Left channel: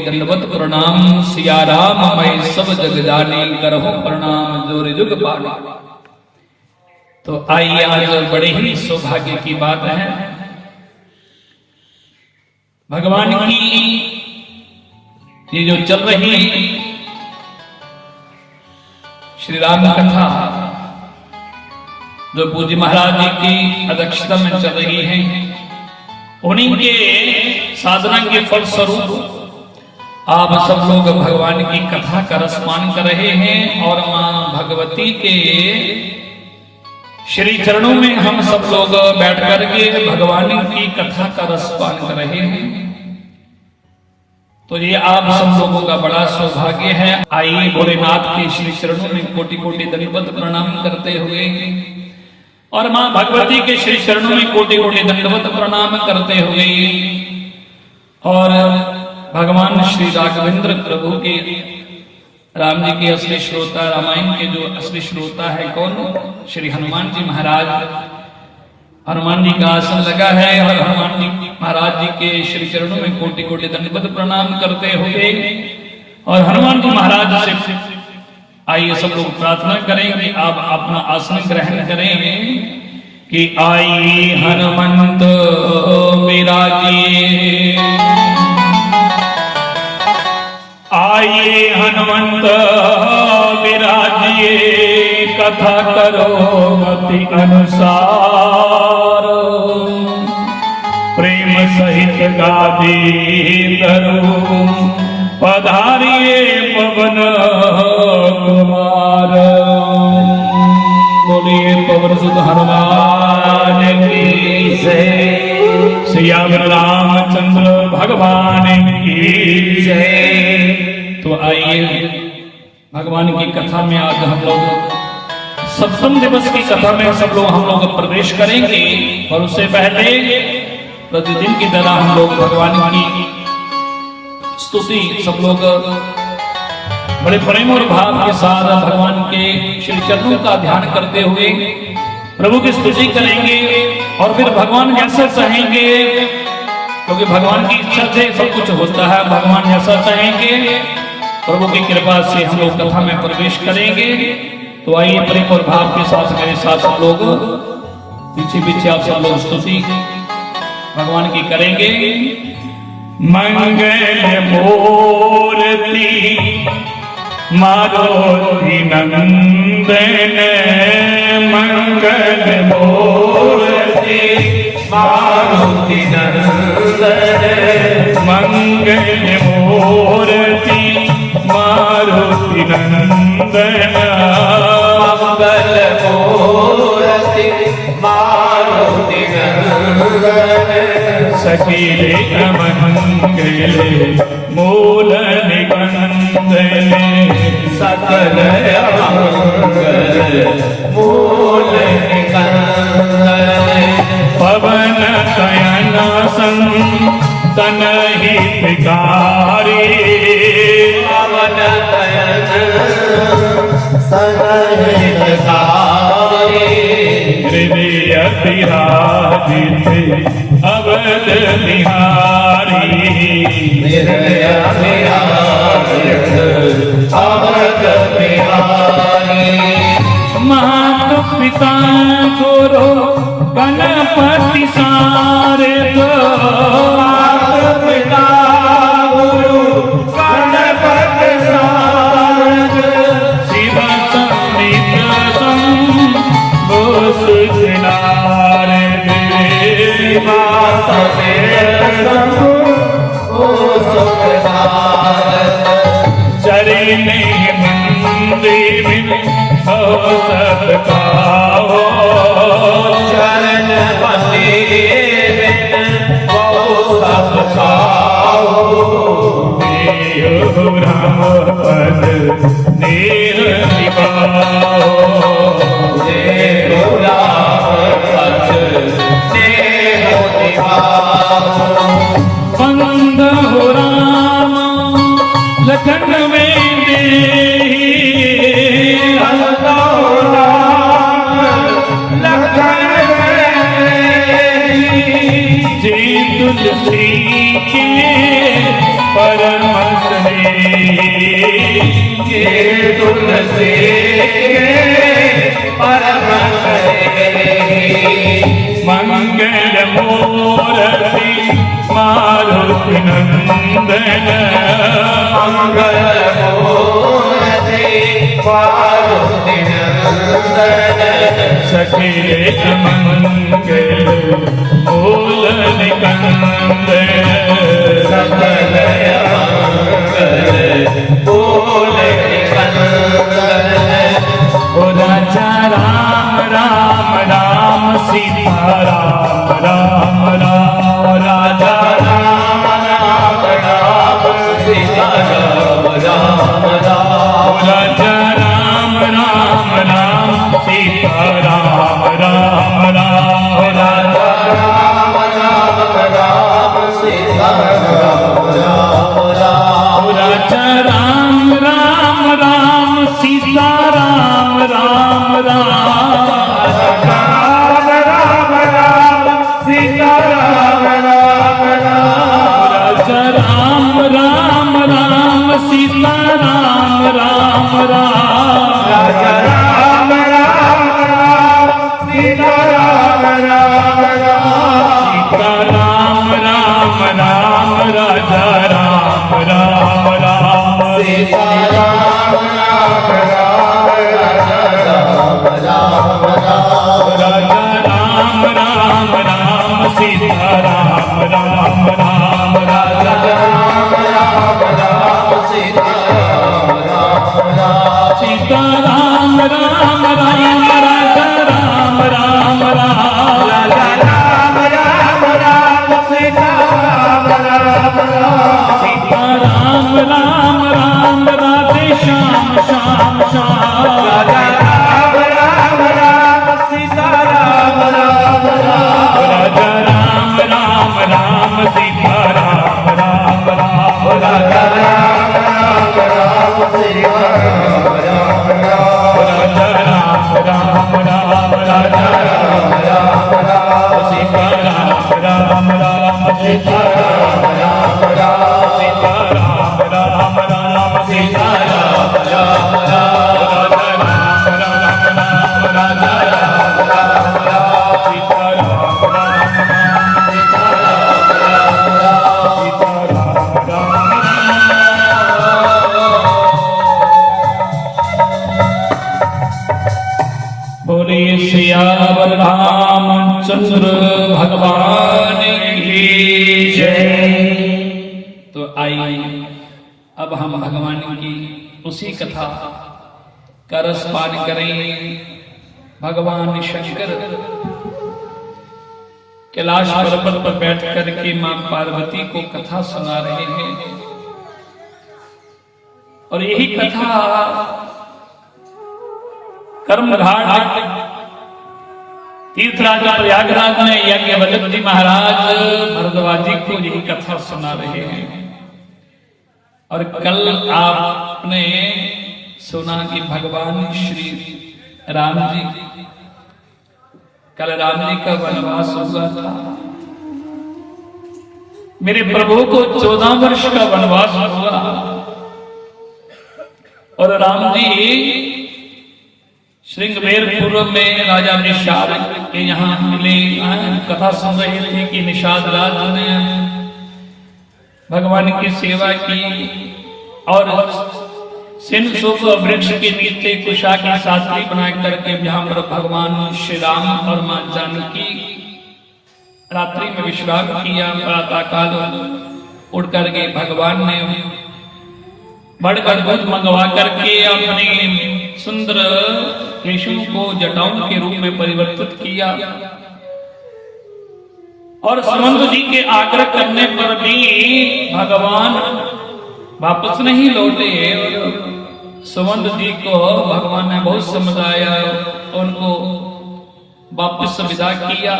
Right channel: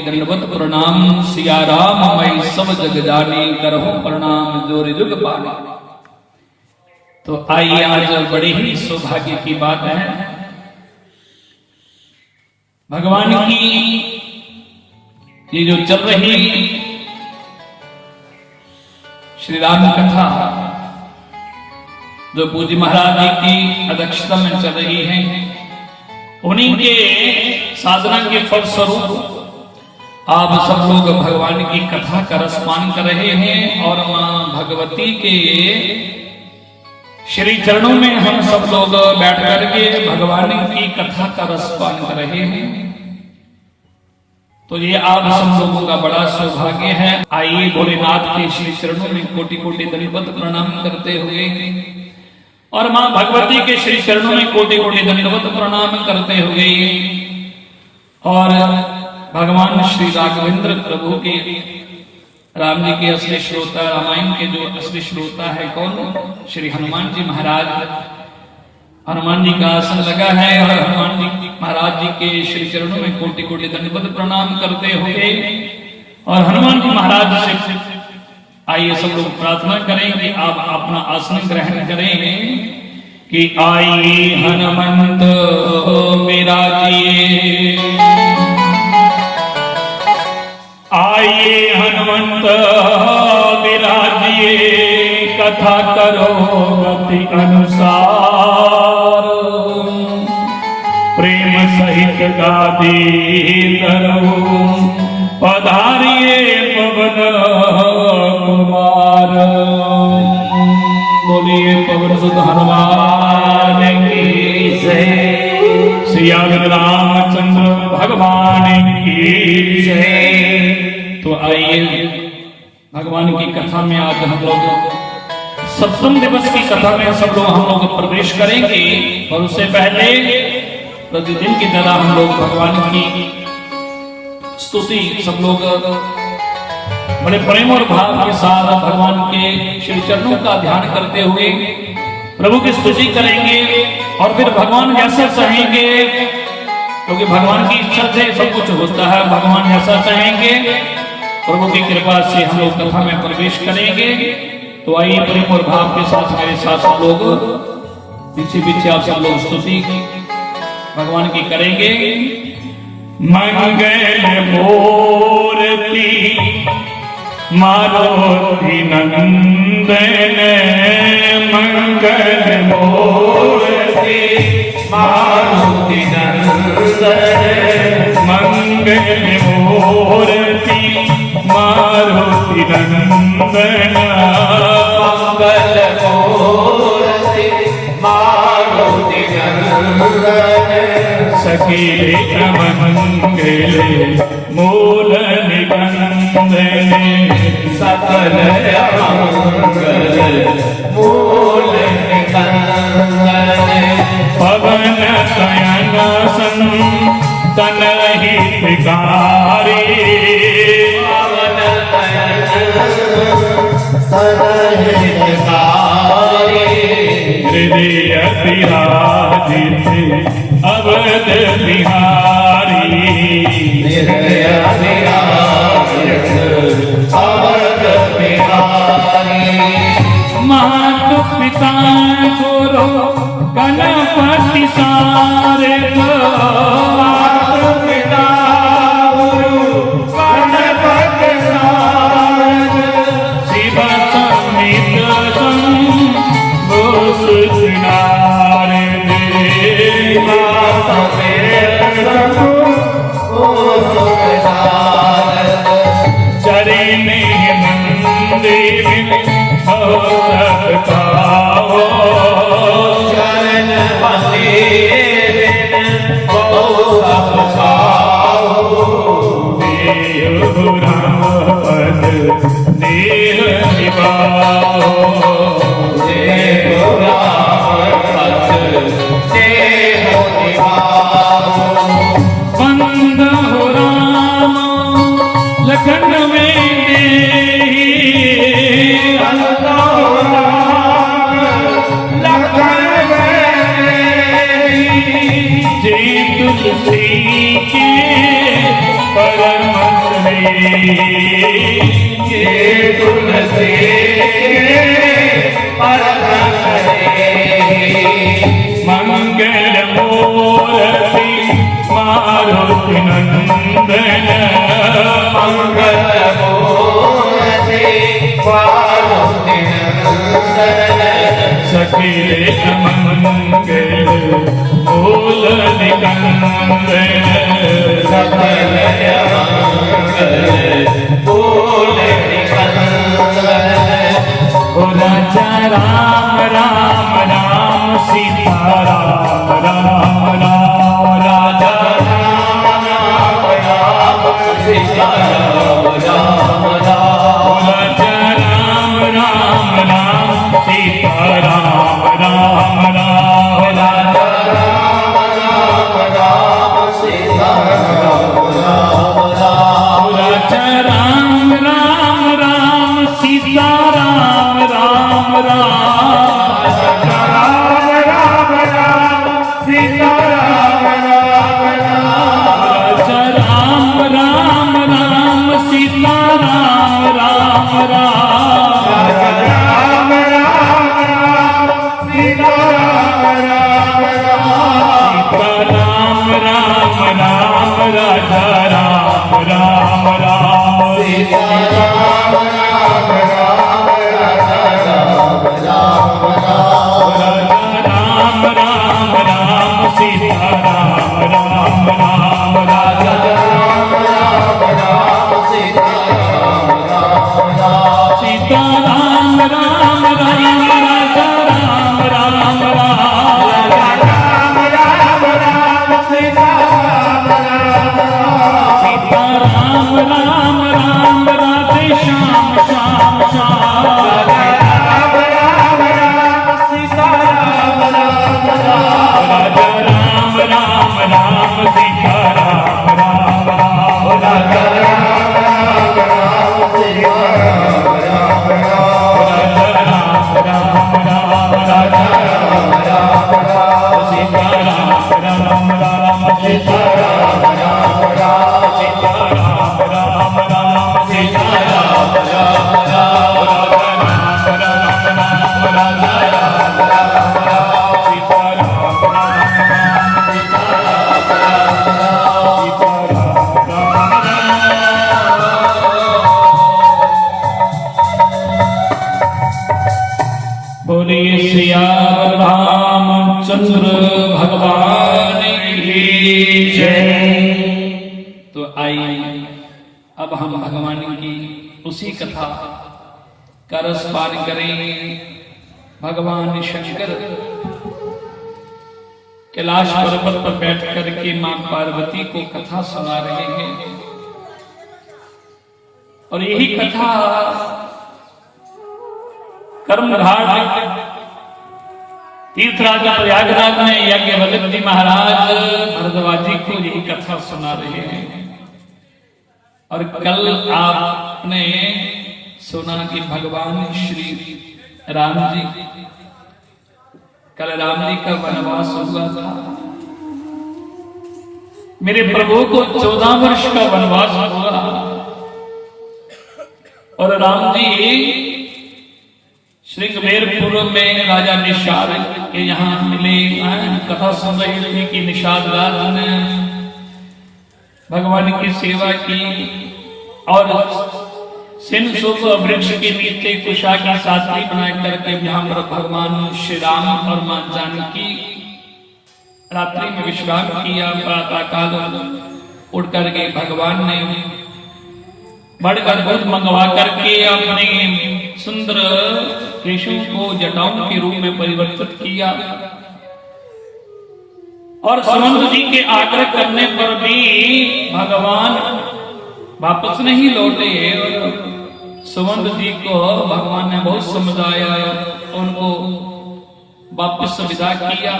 दंडवत प्रणाम सिया राम मैं सब जग जानी करहूं प्रणाम जोर जुग पानी। तो आइए आज बड़े ही सौभाग्य की बात है, भगवान की ये जो चल रही श्री राम कथा जो पूज्य महाराज जी की अध्यक्षता में चल रही है, उन्हीं के साधना के फल स्वरूप आप सब लोग भगवान की कथा का रसपान कर रहे हैं और मां भगवती के श्री चरणों में हम सब लोग बैठ करके भगवान की कथा का रसपान कर रहे हैं। तो ये आप सब लोगों का बड़ा सौभाग्य है। आइए भोलेनाथ के श्री चरणों में कोटि कोटि दंडवत प्रणाम करते हुए और मां भगवती के श्री चरणों में कोटि कोटि दंडवत प्रणाम करते हुए और भगवान श्री राघवेंद्र प्रभु के राम जी के असली श्रोता, रामायण के जो असली श्रोता है कौन, श्री हनुमान जी महाराज। हनुमान जी का आसन लगा है और हनुमान जी महाराज जी के श्री चरणों में कोटि कोटि दंडवत प्रणाम करते हुए और हनुमान जी महाराज से आइए सब लोग प्रार्थना करें कि आप अपना आसन ग्रहण करें कि आई हनुमंत विराजिए, आइए हनुमंत विराजिए, कथा करो अति अनुसार, प्रेम सहित गादी करो पधारिए पवन कुमार। बोलिए पवन सुत हनुमान की जय, सिया रामचंद्र भगवान की जय। तो आइए भगवान की कथा में आज हम लोग सप्तम दिवस की कथा में सब लोग हम लोग प्रवेश करेंगे और उससे पहले प्रतिदिन की तरह हम लोग भगवान की स्तुति सब लोग बड़े प्रेम और भाव के साथ भगवान के श्री चरणों का ध्यान करते हुए प्रभु की स्तुति करेंगे और फिर भगवान जैसा चाहेंगे, क्योंकि भगवान की इच्छा से सब कुछ होता है। भगवान जैसा चाहेंगे प्रभु की कृपा से हम लोग कथा में प्रवेश करेंगे। तो आइए प्रेम और भाव के साथ मेरे साथ सब लोग पीछे पीछे आप सब लोग स्तुति भगवान की करेंगे। मंगल मूर्ति मारुति नंदन, मंगल मूर्ति मारुति नंदन, मंगल मूर्ति मारुति नंदन, मंगल मूर्ति मारुति नंदन, सखी मंगल मूल निबंधन, सकल मंगल मूल निबंधन, पवन शयन संतन हितकारी, पवन शयन हितकारी, हृदय विराजित अवध बिहारी, हृदय विराजित अवध बिहारी, माता पिता गुरु गणपति सारे, माता पिता गुरु गणपति सारे, शिव समित शंभु सुनारे, चरण मंदिर हो सकता हो, चरण मंदिर हो सकता हो, देव राम पद नील निभाओ, देव राम पद नील निभाओ, बंद हो राम लखन में जी तुलसी के परम ये तुलसी परम मंगल मूर्ति मारुति नंदन मंगल मूर्ति मारुति नंदन सखिल मंगल मूल निकंदन सकल मंगल मूल निकंदन राजा राम राम राम सीता राम राम राम राजा राम राम राम सीता राम राम राम राजा राम राम राम सीता राम राम राम राजा राम राम राम सीता राम राम राम राजा राम राम राम सीता राम राम राम राम राम राम सीता राम राम राम राजा राम राम राम सीता राम राम राम राम राम राम सीता राम राम राम राम राम राम राजा राम राम राम सीता राम राम राम राजा राम राम राम राजा राम राम राम सीता राम राम राम राजा राम राम राम सीता राम राम राम सीता राम राम राम राजा राम राम राम राम राम राम सीता राम राम राम सीता राम राम राम राधे श्याम श्याम श्याम राम राम राम सीता राम राम राम राजा राम राम राम सीता राम राम राम राजा राम राम राम सीता राम राम राम राजा राम राम राम राजा राम राम राम सीता राम राम राम सीता राम राम राम सीता राम राम राम सीता राम राम राम राजा राम राम राम सीता राम राम राम सीता राम राम राम सीता राम राम बोलिए सियावर रामचंद्र भगवान की जय। तो आइए अब हम भगवान की उसी कथा का रसपान करेंगे। भगवान शंकर कैलाश पर्वत पर बैठ करके मां पार्वती को कथा सुना रहे हैं और यही कथा कर्मघाट तीर्थराज प्रयागराज में याज्ञवल्क्य जी महाराज भरद्वाज जी को यही कथा सुना रहे हैं। और कल आपने सुना कि भगवान श्री राम जी कल राम जी का वनवास हुआ था। मेरे प्रभु को 14 वर्ष का वनवास हुआ और राम जी श्रृंगवेरपुर में राजा निषाद के यहाँ मिले, कथा सुन रहे थे कि निषाद राज ने भगवान की सेवा की और सिंधुसुख वृक्ष के नीचे कुशा की साथी बना करके जहां पर भगवान श्री राम और मां जानकी रात्रि में विश्राम किया। प्रातःकाल उठ करके भगवान ने बढ़कर दूध मंगवा करके अपने सुंदर केशों को जटाओं के रूप में परिवर्तित किया और सुमंत जी के आग्रह करने पर भी भगवान वापस नहीं लौटे। सुमंत जी को भगवान ने बहुत समझाया, उनको वापस विदा किया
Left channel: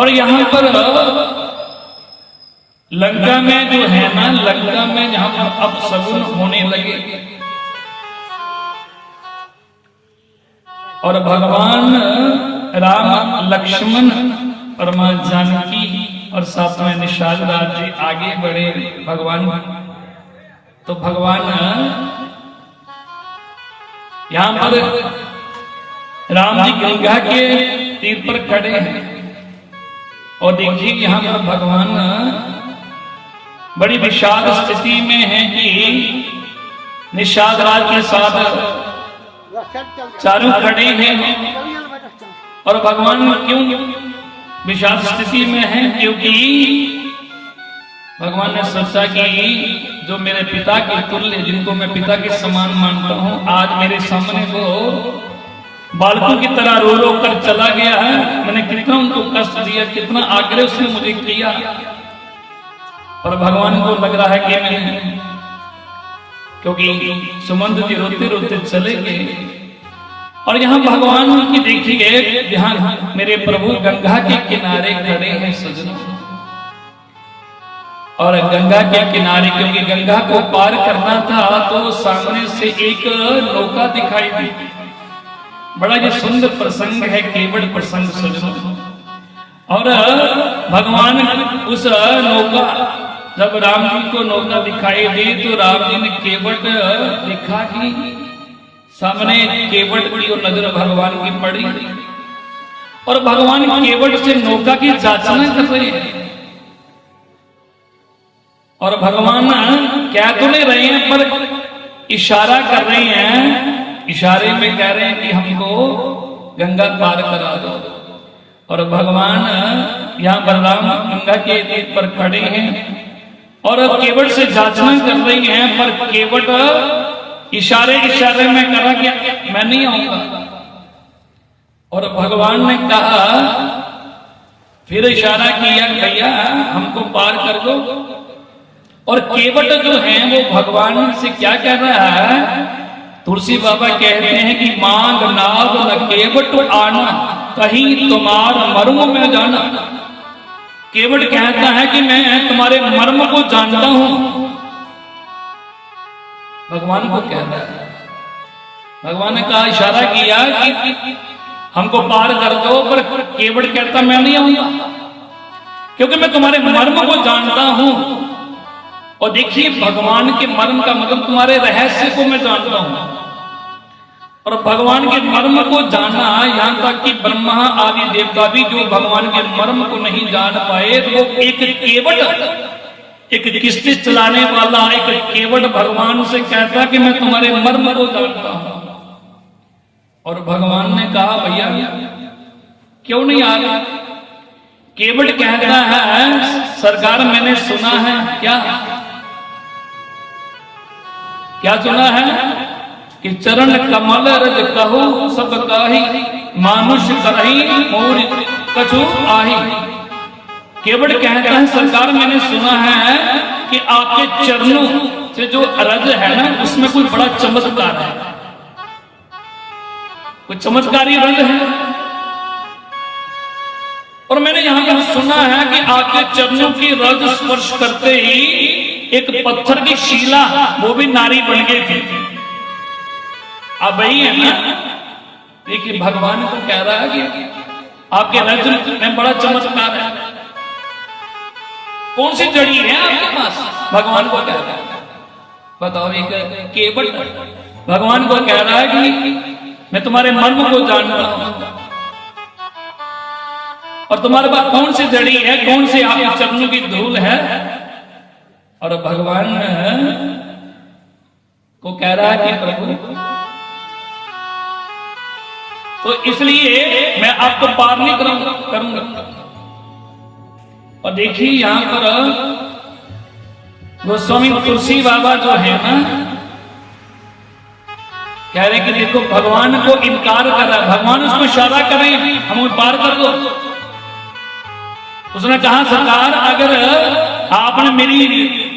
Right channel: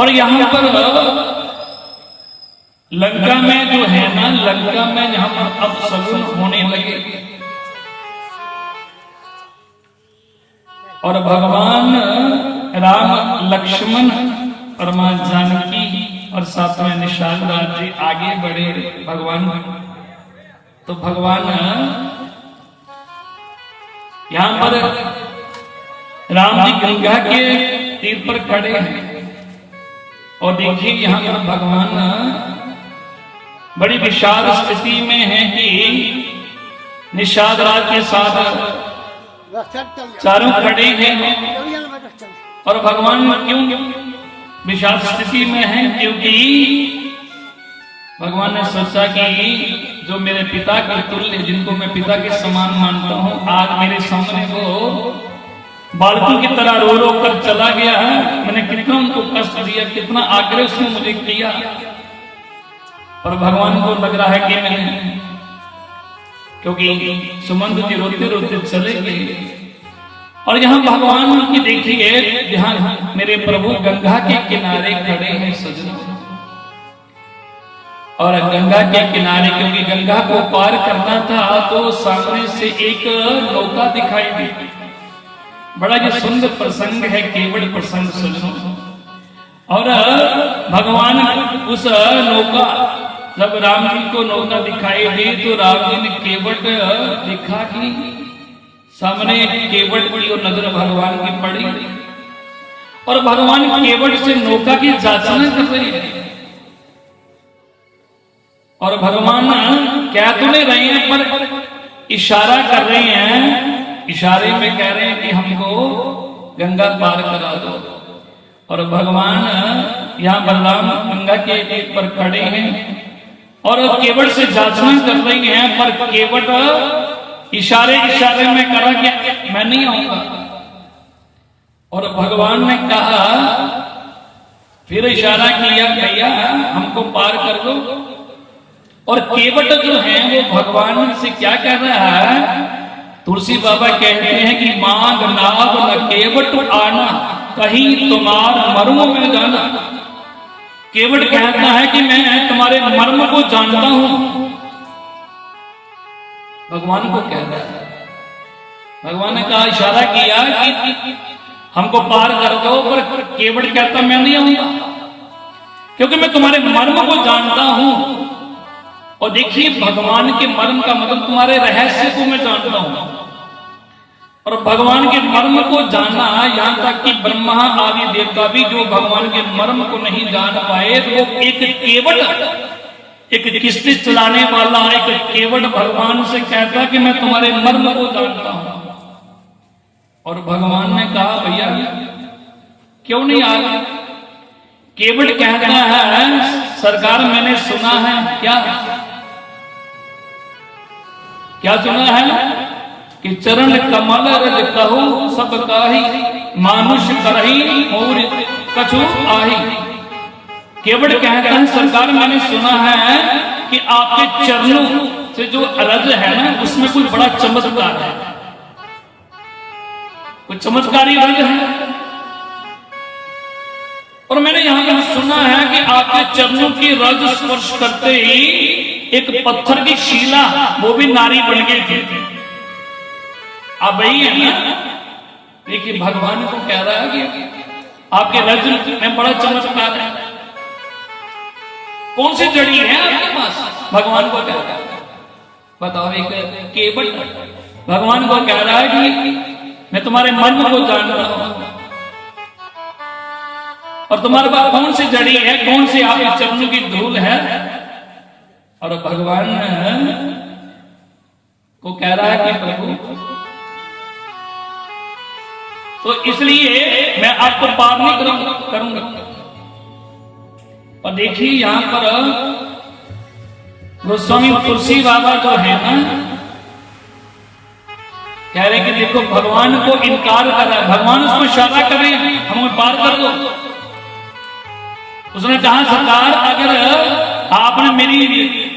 और यहाँ पर लंका में जो है ना, लंका में जहां पर अपशगुन होने लगे और भगवान राम लक्ष्मण और मां जानकी और साथ में निषाद राज जी आगे बढ़े भगवान। तो भगवान यहां पर राम जी गंगा के तीर पर खड़े हैं और देखिए यहां पर भगवान बड़ी विशाल स्थिति में है कि निषाद राज के साथ चारों खड़े हैं। और भगवान क्यों विशाल स्थिति में है? क्योंकि भगवान ने सोचा कि जो मेरे पिता के तुल्य, जिनको मैं पिता के समान मानता हूं, आज मेरे सामने वो बालकों की तरह रो रो कर चला गया है। मैंने कितना उनको कष्ट दिया, कितना आग्रह उसने मुझे किया, पर भगवान को लग रहा है कि मैंने, क्योंकि सुमंत जी रोते रोते चले गए। और यहाँ भगवान की देखिए ध्यान, मेरे प्रभु गंगा के किनारे खड़े हैं सजनों। और गंगा के किनारे, क्योंकि गंगा को पार करना था तो सामने से एक नौका दिखाई दी। बड़ा ये सुंदर प्रसंग है, केवट प्रसंग सजनों। और भगवान उस नौका, जब राम जी को नौका दिखाई दी तो राम जी ने केवट देखा कि सामने केवट की और नजर भगवान की पड़ी। और भगवान केवट से नौका की जांचना कर रहे हैं। और भगवान कह तो नहीं रहे हैं, पर इशारा कर रहे हैं। इशारे में कह रहे हैं कि हमको गंगा पार करा दो। और भगवान यहाँ बलराम गंगा के तीर पर खड़े हैं और केवट से जांचना कर रहे हैं, पर केवट इशारे इशारे में कहा कि मैं नहीं आऊंगा। और भगवान ने कहा, फिर इशारा किया, भैया हमको पार कर दो। और केवट जो है वो भगवान से क्या कह रहा है? तुलसी बाबा कहते हैं कि मांग नाव न केवट आना, कहीं तुम्हार मर्म में जाना। केवट कहता है कि मैं तुम्हारे मर्म को जानता हूं। भगवान को कह रहा है, भगवान ने कहा, इशारा किया कि हमको पार कर दो, पर केवट कहता मैं नहीं आऊंगा, क्योंकि मैं तुम्हारे मर्म को जानता हूं। और देखिए भगवान के मर्म का मतलब तुम्हारे रहस्य को मैं जानता हूं। और भगवान के मर्म को जानना, यहाँ तक कि ब्रह्मा आदि देवता भी जो भगवान के मर्म को नहीं जान पाए, तो एक केवट, एक किस्ती चलाने वाला एक केवट भगवान से कहता कि मैं तुम्हारे मर्म को जानता हूं। और भगवान ने कहा, भैया क्यों नहीं आ रहा? केवट कहता है, सरकार मैंने सुना है, क्या सुना है कि चरण कमल रज कहू सब काही, मानुष करही मोर कछु आही। केवट कहता है, सरकार मैंने सुना है कि आपके चरणों से जो रज है ना, उसमें कोई बड़ा चमत्कार है, कोई चमत्कारी रज है। और मैंने यहां पर सुना है कि आपके चरणों की रज स्पर्श करते ही एक पत्थर की शिला, वो भी नारी बन गई थी। अब वही है ना, देखिए भगवान को कह रहा है कि आपके रज में बड़ा चमत्कार है। कौन सी जड़ी है आपके पास? भगवान को कह रहा है, बताओ। एक केवट भगवान को कह रहा है कि मैं तुम्हारे मर्म को जानता हूं, और तुम्हारे पास कौन सी जड़ी है, कौन सी आपके चरणों की धूल है। और भगवान को कह रहा है कि प्रभु, तो इसलिए मैं आपको पार नहीं करूंगा। और देखिए यहां पर गोस्वामी तुलसी बाबा जो है ना, कह रहे कि देखो भगवान को इनकार कर रहा है। भगवान उसको इशारा कर रहे हैं, हमें पार कर दो। उसने कहा, सरकार अगर आपने मेरी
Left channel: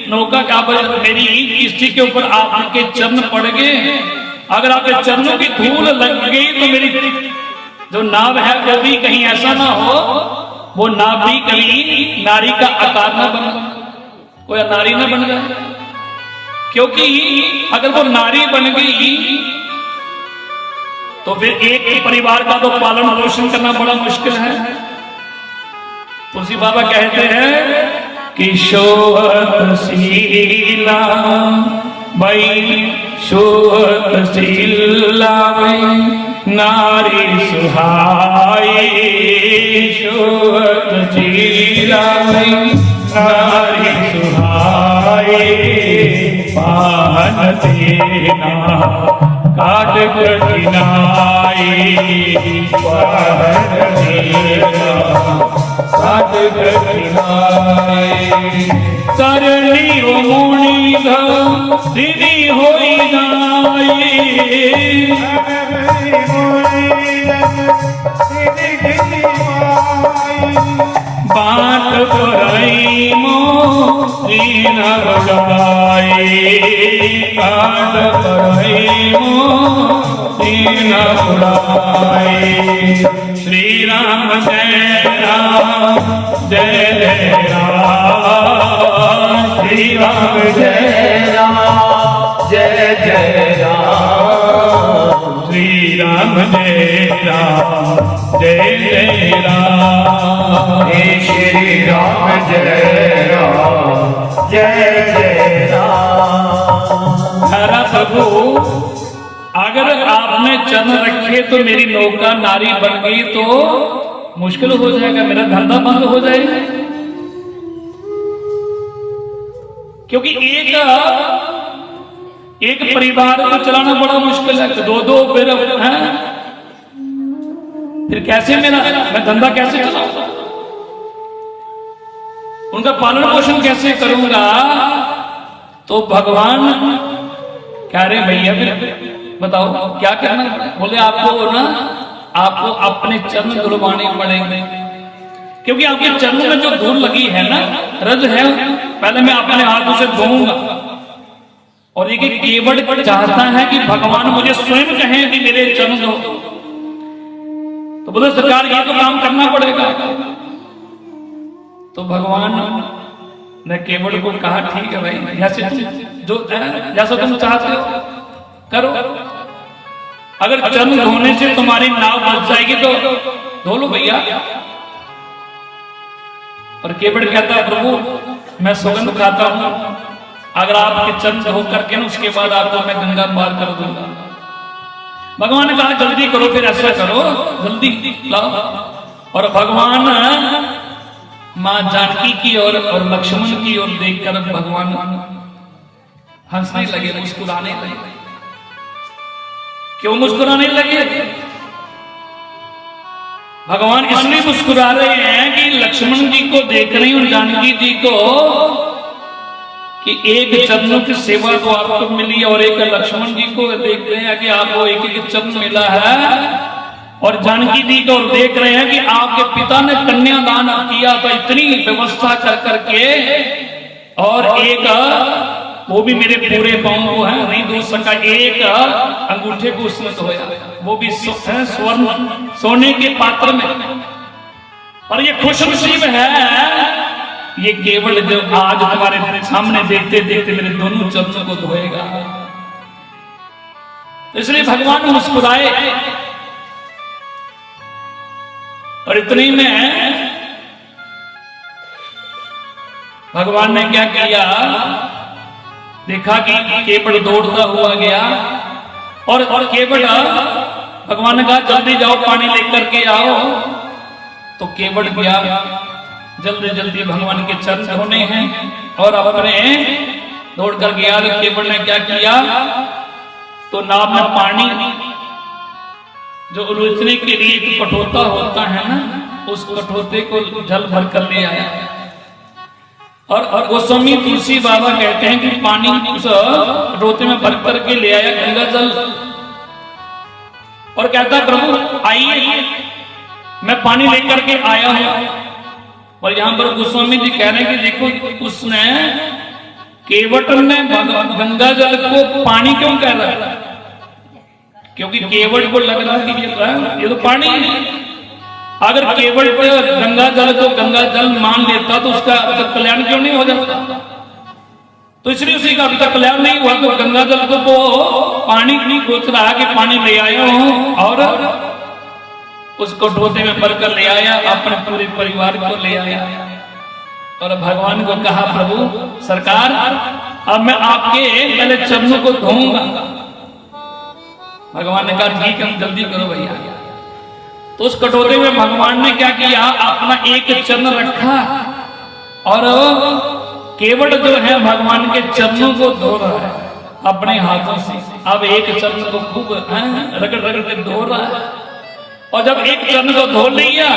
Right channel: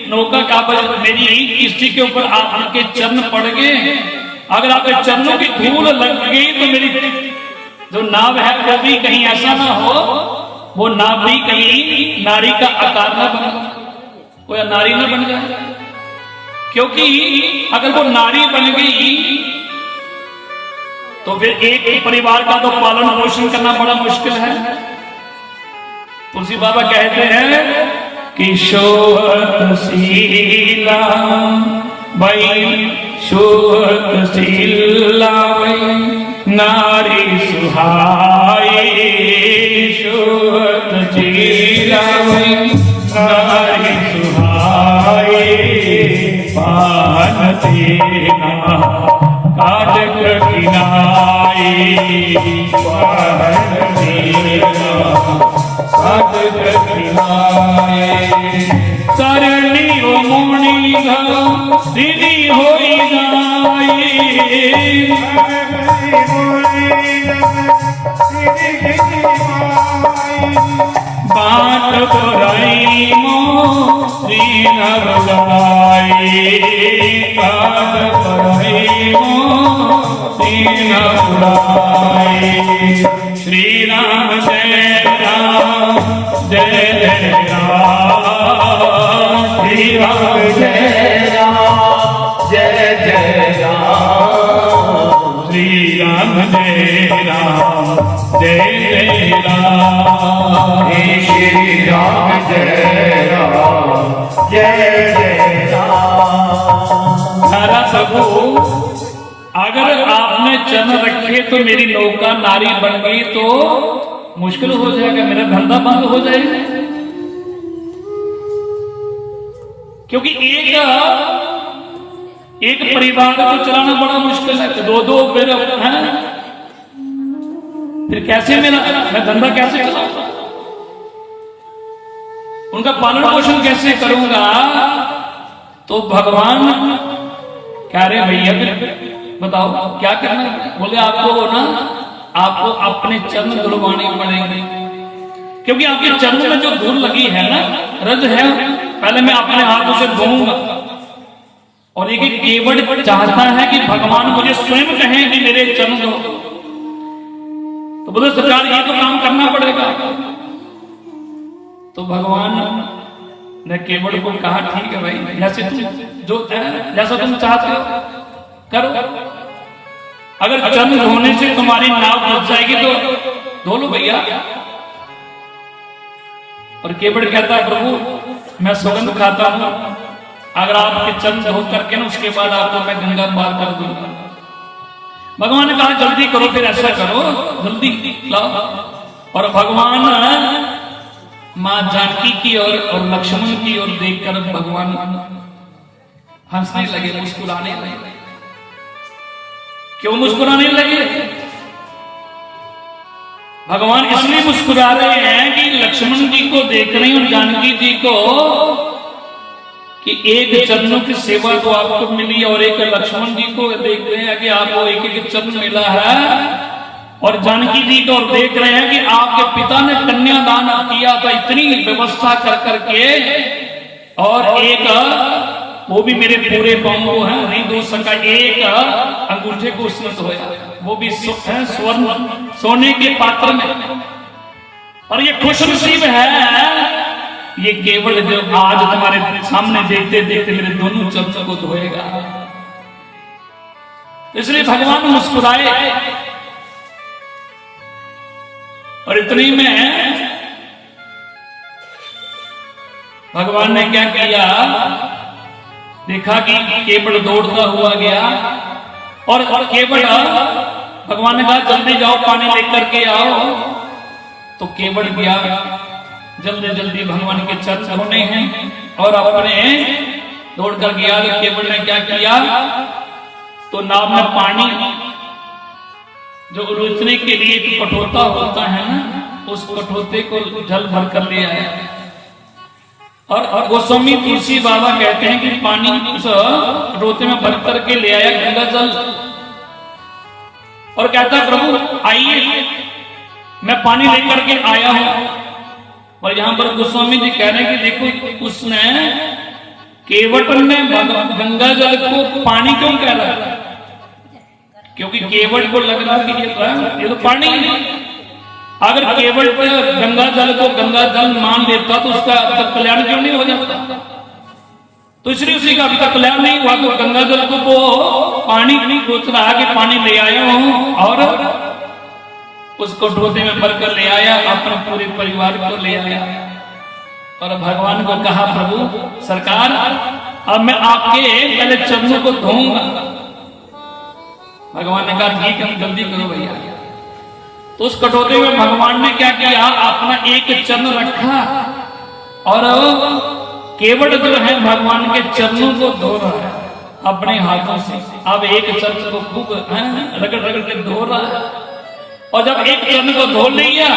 नौका का, मेरी किश्ती के ऊपर आपके चरण पड़ गए, अगर आपके चरणों की धूल लग गई तो मेरी जो नाव है वो भी कहीं ऐसा ना हो, वो नाव भी कहीं नारी का आकार ना बन, कोई नारी ना बन जाए। क्योंकि अगर वो नारी बन गई तो फिर एक परिवार का तो पालन पोषण करना बड़ा मुश्किल है। तुलसी बाबा कहते हैं कि शोभशीला भाई शोभशीला भाई नारी सुहाई शोभशीला भाई नारी सुहाई पाहन तेना काट कठिनाई पाहन तेना काट कठिनाई करनी वो मोणी दीदी होई जाए बात पराई मो दीन बुलाए बात पराई मो दीन बुलाए श्री राम जय राम जय जय राम श्री राम जय राम जय जय राम श्री राम जय राम जय जय राम हे श्री राम जय राम जय जय राम। नारा प्रभु अगर आपने चरण रखे तो मेरी नौका नारी बन गई तो मुश्किल हो जाएगा, मेरा धंधा बंद हो जाएगा। क्योंकि एक परिवार को चलाना बड़ा मुश्किल है, दो दो फिर हैं, फिर कैसे मैं धंधा कैसे चलाऊं, उनका पालन पोषण कैसे करूंगा। तो भगवान कह रहे भैया फिर बताओ क्या करना है। बोले आपको ना आपको अपने चरण धुलवाने पड़ेंगे, क्योंकि आपके चरणों में जो धूल लगी है ना, रज है, पहले मैं अपने हाथों से धोऊंगा। और ये केवट चाहता है कि भगवान मुझे स्वयं कहें कि मेरे चरण धो। तो बोले सरकार ये तो काम करना पड़ेगा। तो भगवान ने केवट को कहा ठीक है भाई, जैसा तुम चाहते हो करो। अगर चरण धोने से तुम्हारी नाव फंस जाएगी तो धो लो भैया। और केवट कहता है प्रभु मैं सुगंध खाता हूं, अगर आपके चरण धो करके ना उसके बाद आपको मैं गंगा पार कर दूंगा। भगवान ने कहा जल्दी करो, फिर ऐसा करो जल्दी लाओ। और भगवान मां जानकी की और लक्ष्मण की ओर देखकर भगवान हंसने लगे, मुस्कुराने लगे। क्यों मुस्कुराने लगे? भगवान इसलिए मुस्कुरा रहे हैं कि लक्ष्मण जी को देख रहे हैं और जानकी जी को कि एक चरणों की सेवा तो आपको मिली और एक लक्ष्मण जी को देख रहे हैं कि आपको एक एक चरण मिला है। और जानकी जी को देख रहे हैं कि आपके पिता ने कन्यादान किया था इतनी व्यवस्था कर करके, और एक वो भी मेरे पूरे पांव को है नहीं दो सका, एक अंगूठे को उसने धोया, वो भी स्वर्ण सोने के पात्र में। और ये खुशनसीब है ये केवल जो आज तुम्हारे सामने देखते देखते मेरे दोनों चरणों को धोएगा। इसलिए भगवान मुस्कुराए। और इतनी में भगवान ने क्या किया, देखा कि केवट दौड़ता हुआ गया और केवट भगवान ने कहा जल्दी जाओ पानी लेकर के आओ। तो केवट गया, जल्दी जल्दी भगवान के चरण धोने हैं और अपने दौड़ कर गया। तो केवट ने क्या किया, तो नाव में पानी जो उलझने के लिए एक कठोता होता है ना, उस कठोते को जल भर कर ले आया। और गोस्वामी तुलसी बाबा कहते हैं कि पानी उस कठोते में भर करके ले आया गंगा जल, और कहता है प्रभु आइए मैं पानी लेकर के आया हूं। और यहां पर गोस्वामी जी कह रहे हैं कि देखो उसने केवट ने गंगा जल को पानी क्यों कह रहा है, क्योंकि केवट को लग रहा है कि ये तो पानी ही नहीं। अगर केवट गंगा जल को गंगा जल मान लेता तो उसका अब तक कल्याण क्यों नहीं हो जाता। तो इसलिए उसी का अभी तक कल्याण नहीं हुआ। तो गंगा जल को पानी नहीं सोच रहा कि पानी ले आया हूं और उस कटोरे में भरकर ले आया, अपने पूरे परिवार को ले आया और भगवान को कहा, प्रभु सरकार अब मैं आपके पहले चरणों को धोऊंगा। भगवान ने कहा ठीक है, जल्दी करो भैया। तो उस कटोरे में भगवान ने क्या किया, अपना एक चरण रखा और केवट जो है भगवान के चरणों को धो रहा है अपने हाथों से। अब एक चरण को खूब रगड़ रगड़ के धो रहा है और जब एक चरण को धो लिया,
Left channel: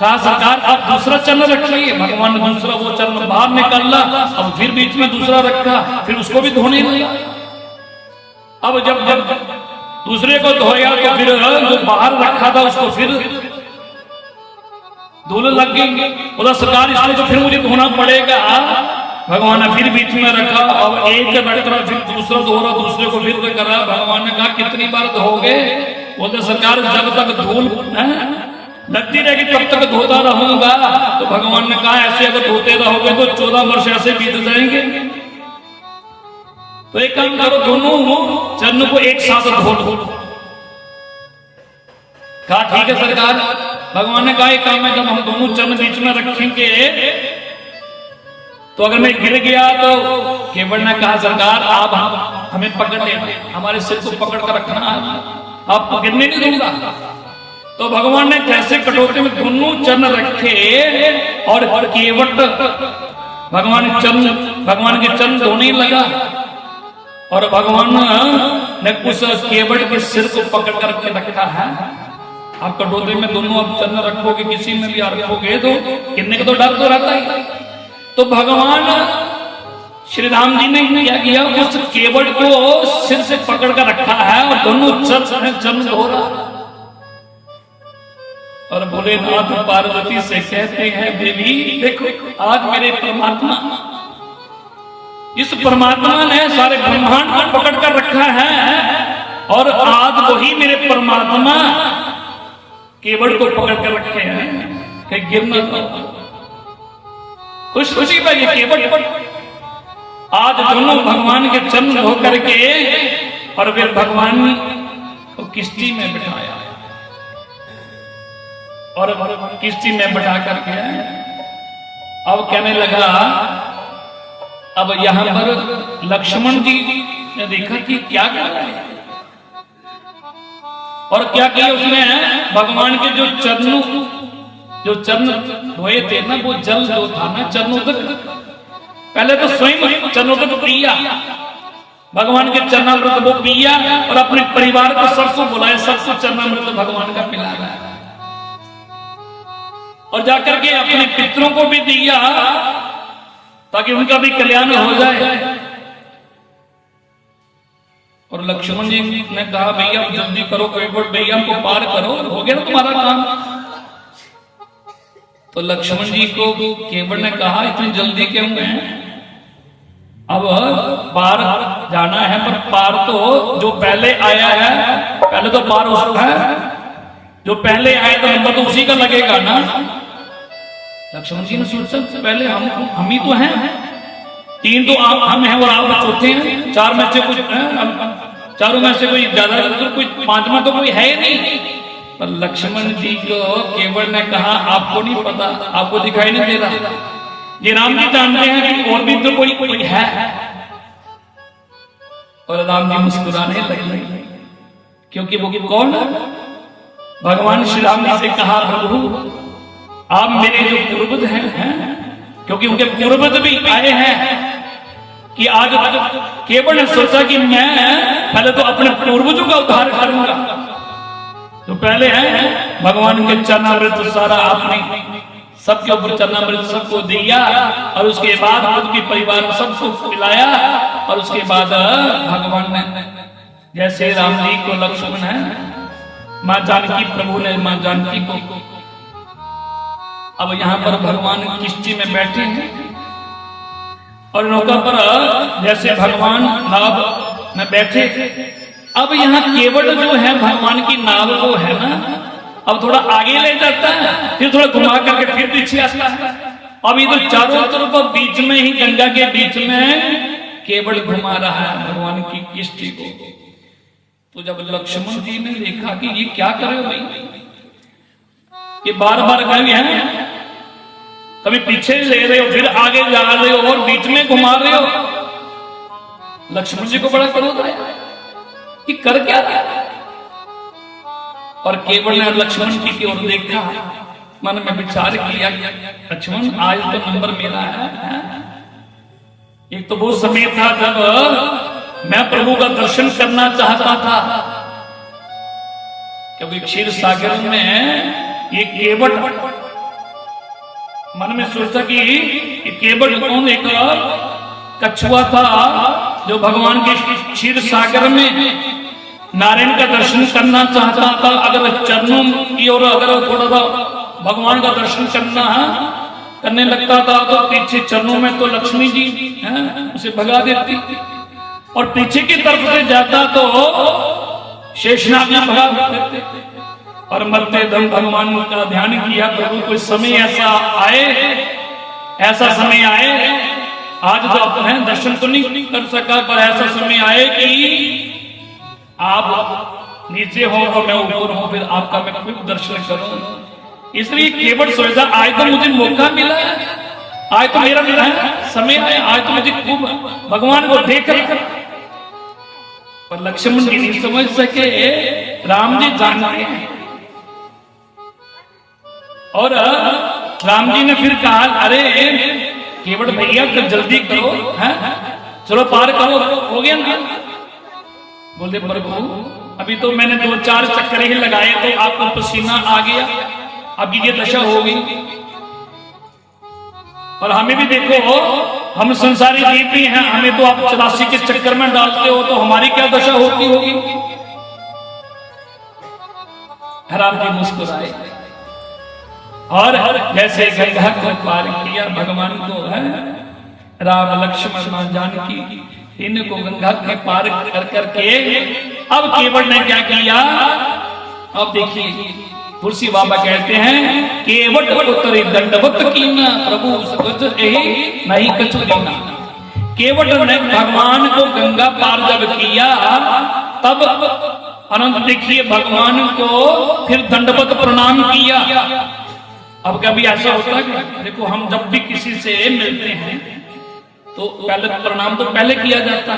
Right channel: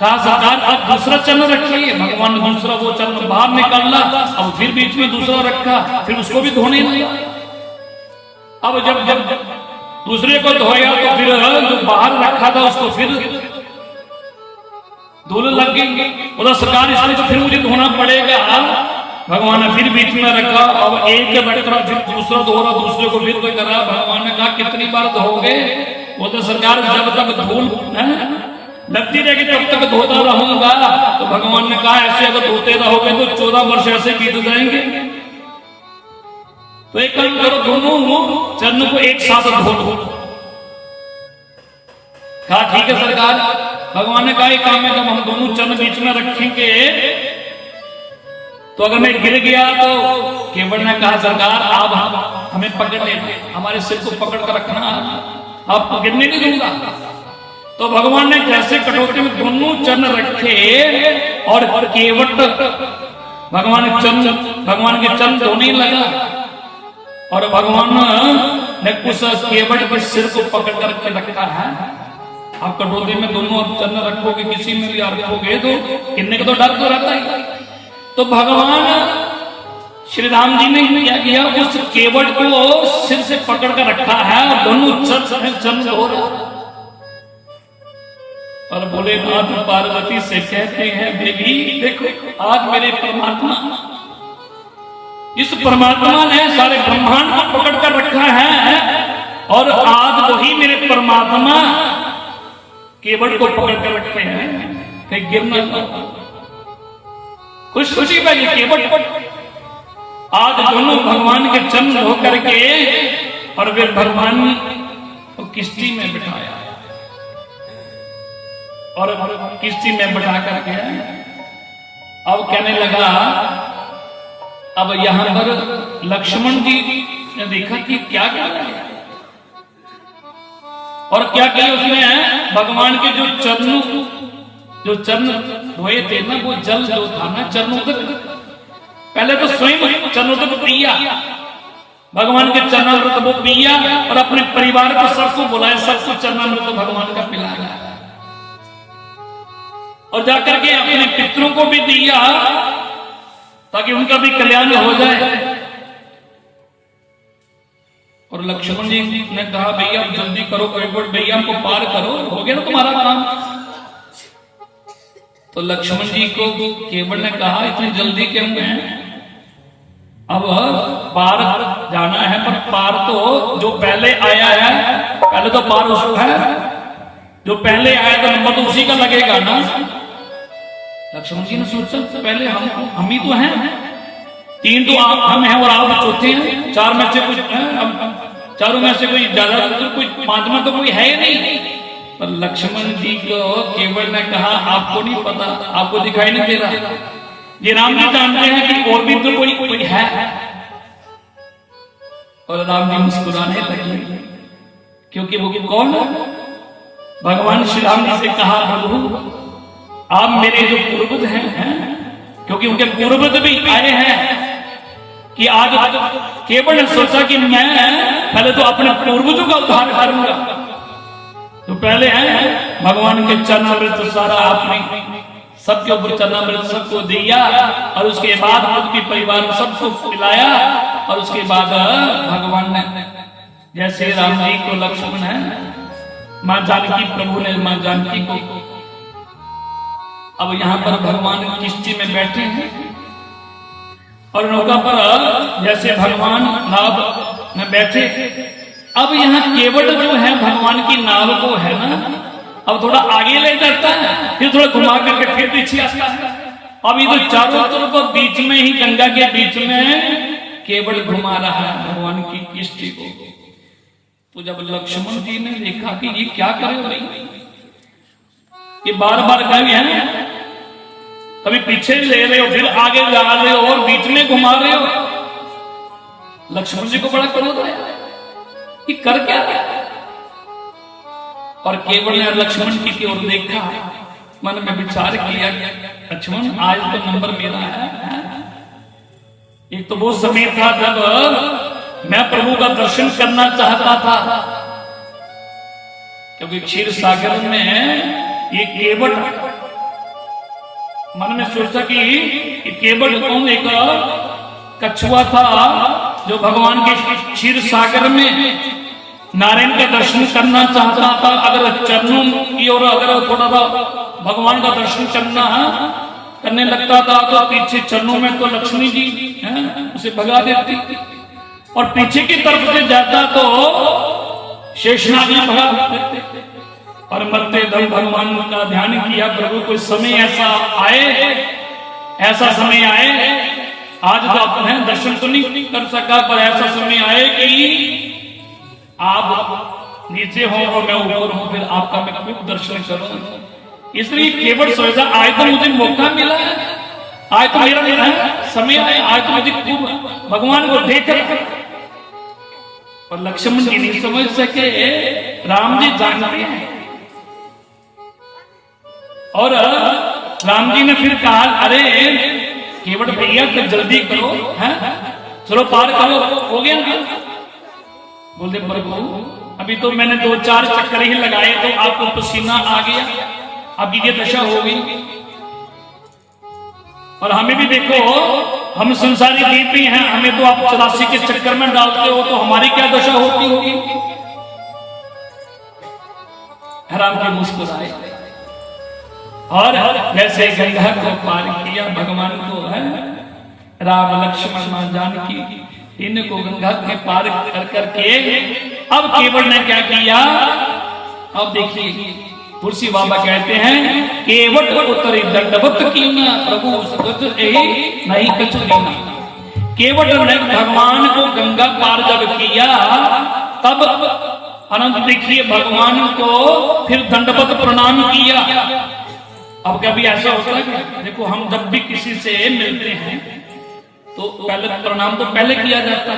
कहा सरकार अब दूसरा चरण रखिए। भगवान ने दूसरा वो चरण बाहर निकाला, अब फिर बीच में दूसरा रखा, फिर उसको भी धोने लगा। अब जब दूसरे को धोया तो फिर जो बाहर रखा था उसको फिर धूल लग गई। बोला सरकार इसमें तो फिर मुझे धोना पड़ेगा। भगवान ने फिर बीच में रखा, अब एक रख रहा, फिर दूसरा धो रहा, दूसरे को फिर कर रहा। भगवान ने कहा कितनी बार धोगे? बोलते सरकार जब तक धूल लगती रहेगी तब तक धोता रहूंगा। तो भगवान ने कहा ऐसे अगर धोते रहोगे तो 14 वर्ष ऐसे बीत जाएंगे। तो एक काम करो, दोनों चरण को एक साथ धो लो। कहा ठीक है सरकार। भगवान ने कहा एक काम है, जब हम दोनों चरण बीच में रखेंगे तो अगर मैं गिर गया तो केवट ने कहा सरकार आप हमें पकड़ लेते, हमारे सिर को पकड़ कर रखना, आपको गिरने नहीं दूंगा। तो भगवान ने जैसे कटोरे में दोनों चरण रखे और केवट भगवान के चरण धोने लगा और भगवान ने उस केवट के सिर को पकड़ कर रखे रखा है। आप कटोरे में दोनों चरण रखोगे, किसी में भी रखोगे तो गिरने का तो डर तो रहता है। तो भगवान श्री राम जी ने क्या किया, उस केवट को सिर से पकड़ कर रखा है और दोनों चरण धो रहा और बोले माता पार्वती से कहते हैं देवी देखो आज मेरे परमात्मा, इस परमात्मा ने सारे ब्रह्मांड को पकड़ कर रखा है और आज वही मेरे परमात्मा केवट को पकड़ कर रखे हैं कि गिरना खुश खुशी का ये केवट आज दोनों भगवान के चरण धो करके और वे भगवान को किश्ती में बिठाया और किश्ती में बैठा करके अब कहने लगा। अब यहां पर लक्ष्मण जी ने देखा कि क्या कर रहा है और क्या किया उसने, भगवान के जो चरण धोए थे ना, वो जल जो था ना चरणोदक, पहले तो स्वयं चरणोदक पिया, भगवान के चरणामृत वो पिया और अपने परिवार को सबको बुलाया, सबको चरणामृत भगवान का पिलाया और जाकर के अपने पितरों को भी दिया ताकि उनका भी कल्याण हो जाए। और लक्ष्मण जी ने कहा भैया जल्दी करो, केवट भैया को पार करो, हो गया ना तुम्हारा काम। तो लक्ष्मण जी को केवट ने कहा इतनी जल्दी क्यों है, अब पार जाना है, पर पार तो जो पहले आया है पहले तो पार उसको है, जो पहले आया तो नंबर तो उसी का लगेगा ना। लक्ष्मण जी ने सोचा पहले हम ही तो हैं, 3 तो हम हैं और आप चौथे हैं, 4 में से कुछ चारों में से कोई ज्यादा तो कोई 5वां तो कोई है ही नहीं। पर लक्ष्मण जी को केवट ने कहा आपको नहीं पता, आपको दिखाई नहीं दे रहा, ये राम जी जानते हैं कि और भी तो कोई है। और राम जी मुस्कुराने लगे क्योंकि वो कौन, भगवान श्री राम जी से कहा प्रभु आप मेरे जो पूर्वज हैं, क्योंकि उनके पूर्वज भी आए हैं कि आज केवट ने सोचा कि मैं पहले तो अपने पूर्वजों का उद्धार करूंगा, तो पहले हैं भगवान के चरणामृत सारा आपने सबके ऊपर चरणामृत सबको दिया और उसके बाद खुद के परिवार सबको पिलाया और उसके बाद भगवान ने जैसे राम जी को लक्ष्मण है, मां जानकी प्रभु ने मां जानकी को, अब यहां पर भगवान किश्ती में बैठे हैं और नौका पर जैसे भगवान नाव में बैठे। अब यहाँ केवट जो है भगवान की नाव को है ना, अब थोड़ा आगे ले जाता है, फिर थोड़ा घुमा करके फिर पीछे आता है। अब ये तो चारों तरफ बीच में ही गंगा के बीच में केवट घुमा रहा है भगवान की किश्ती को। तो जब लक्ष्मण जी ने देखा कि ये क्या करे भाई, कि बार बार कह हैं, कभी पीछे ले रहे हो, फिर आगे जा रहे हो और बीच में घुमा रहे हो। लक्ष्मण जी को बड़ा क्रोध आया कि कर क्या रहा है? और केवल ने लक्ष्मण जी की ओर देखा, मन में विचार किया, लक्ष्मण आज तो नंबर मेरा है। एक तो वो समय था जब मैं प्रभु का दर्शन करना चाहता था, क्योंकि क्षीर सागर में ये केवट, मन में सोचा कि केवट कौन, एक कछुआ था जो भगवान के क्षीर सागर में नारायण का दर्शन करना चाहता था। अगर चरणों की ओर अगर थोड़ा सा भगवान का दर्शन करने लगता था तो पीछे चरणों में तो लक्ष्मी जी उसे भगा देती, और पीछे की तरफ से जाता तो शेषनाग में भगा देते। और मरते दम भगवान का ध्यान किया, प्रभु कोई समय ऐसा आए, ऐसा समय आए, आज तो अपने दर्शन तो नहीं कर सका, पर ऐसा समय आए कि आप नीचे हो और मैं ऊपर हूं, फिर आपका मैं खूब दर्शन करूं। इसलिए केवल सोचा आज तो मुझे मौका मिला है, आज तो मेरा समय है, आज तो मुझे खूब भगवान को देख कर। पर लक्ष्मण जी नहीं समझ सके, राम जी जानते हैं। और राम जी ने फिर कहा, अरे केवट भैया तो जल्दी करो, है चलो पार करो, हो गया ना। बोले प्रभु अभी तो मैंने 2-4 चक्कर ही लगाए तो आपको पसीना आ गया, अभी ये दशा हो गई। और हमें भी देखो, हम संसारी जीव भी हैं, हमें तो आप 84 के चक्कर में डालते हो, तो हमारी क्या दशा होती होगी। राम जी मुस्कुराए और जैसे गंगा को पार किया, भगवान को है राम लक्ष्मण जानकी इनको गंगा के पार कर करके अब केवट ने क्या किया। अब देखिए तुलसी बाबा कहते हैं, केवट उत्तरी दंडवत कीना प्रभु नहीं कछु लीना। केवट ने भगवान को गंगा पार जब किया, तब अनंत देखिए भगवान को फिर दंडवत प्रणाम किया। अब कभी ऐसा होता है, देखो हम जब भी किसी से मिलते हैं तो पहले प्रणाम तो पहले किया जाता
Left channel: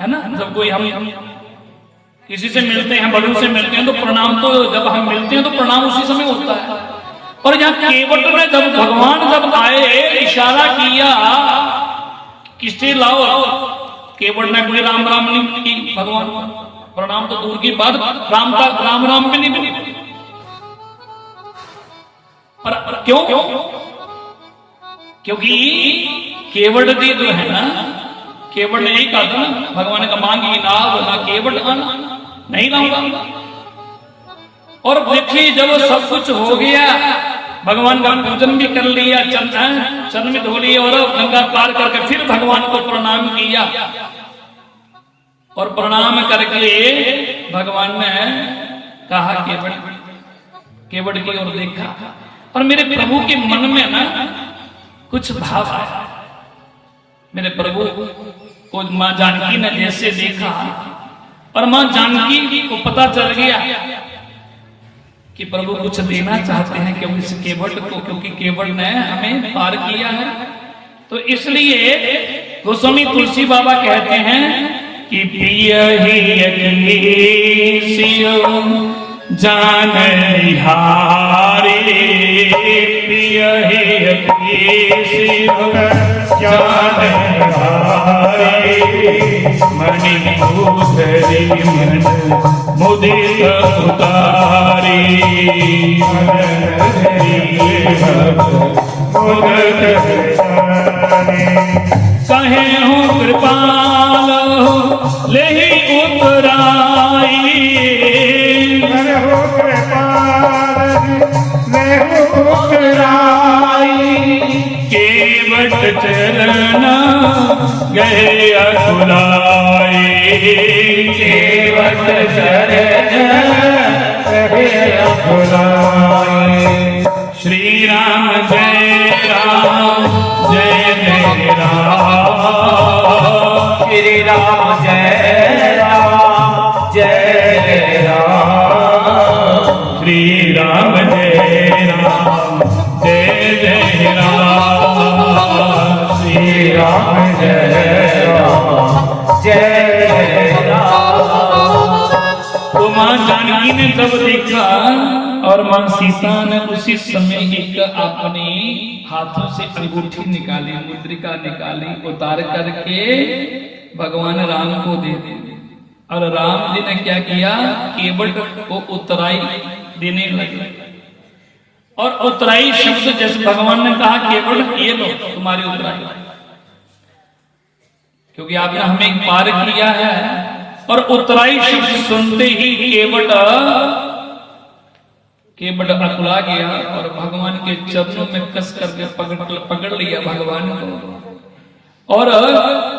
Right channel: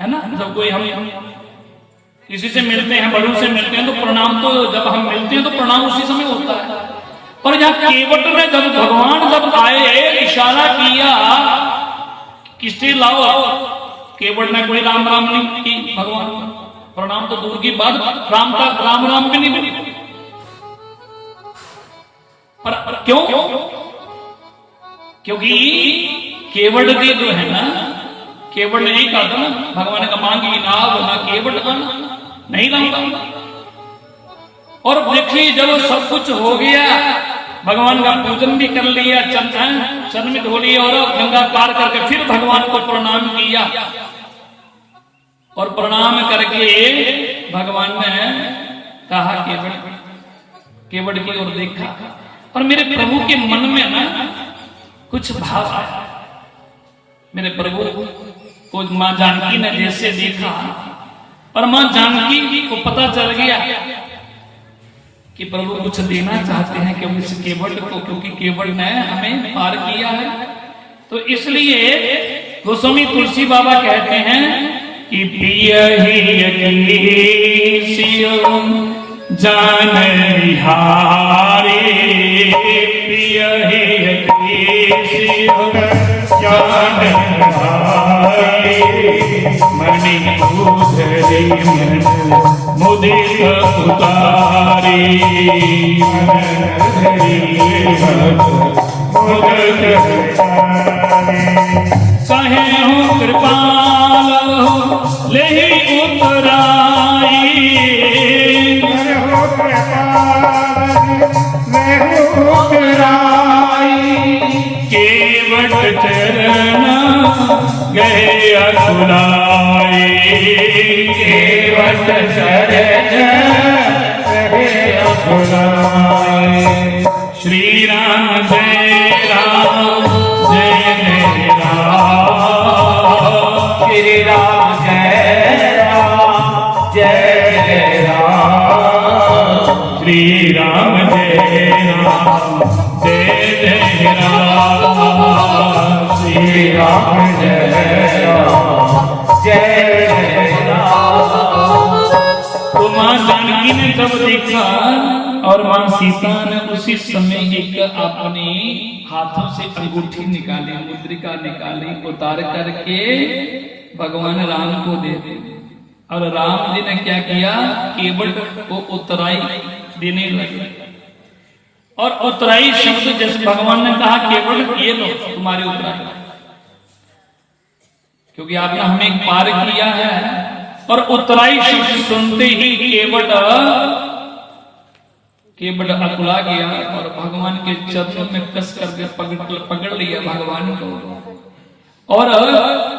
है ना। जब कोई हम किसी से मिलते हैं, बड़ों से मिलते हैं, तो प्रणाम तो जब हम मिलते हैं तो प्रणाम उसी समय होता है। और यहाँ केवट ने जब भगवान जब आए, इशारा किया किससे लाओ, केवट ने कोई राम राम नहीं की, भगवान प्रणाम तो दूर की बात, राम का राम राम भी नहीं बनी। पर क्यों? क्योंकि केवट भी जो है ना, केवट ने नहीं कहा था ना, भगवान का मांगी नाव ना केवट आना नहीं लाऊंगा। और देखिए जब सब कुछ हो गया, भगवान का पूजन भी कर लिया, चरण में धो लिया और गंगा पार करके फिर भगवान को प्रणाम किया। और प्रणाम करके भगवान ने कहा केवट की ओर देखा, पर मेरे प्रभु के मन में ना कुछ भाव आया। मेरे प्रभु को मां जानकी ने जैसे देखा, और मां जानकी को पता चल गया कि प्रभु कुछ देना चाहते हैं क्योंकि इस केवट को, क्योंकि केवट ने हमें पार किया है। तो इसलिए गोस्वामी तुलसी बाबा कहते हैं कि प्रिय जान हारे, प्रिय जान हारे, मणिभूषरी मन मुदित उतारे, कहे हो कृपाल ले उतराई, केवट चरण गए अकुलाए, केवट चरण गए अकुलाए। श्री राम जय राम जय जय राम, श्री राम जय राम जय जय राम, श्री राम जय राम राम जय राम जय राम। तो मां जानकी ने तब देखा और मां सीता ने उसी समय एक अपने हाथों से अंगूठी निकाली, मुद्रिका निकाली, उतार करके भगवान राम को दे दी। और राम जी ने क्या किया, केवट को उतराई देने लगे। और उतराई शब्द जैसे भगवान ने कहा केवट ये लो तुम्हारी उतराई, क्योंकि आपने हमें पार किया है। और उतराई शब्द सुनते ही केवट अकुला गया और भगवान के चरणों में कस करके पकड़ लिया भगवान को। और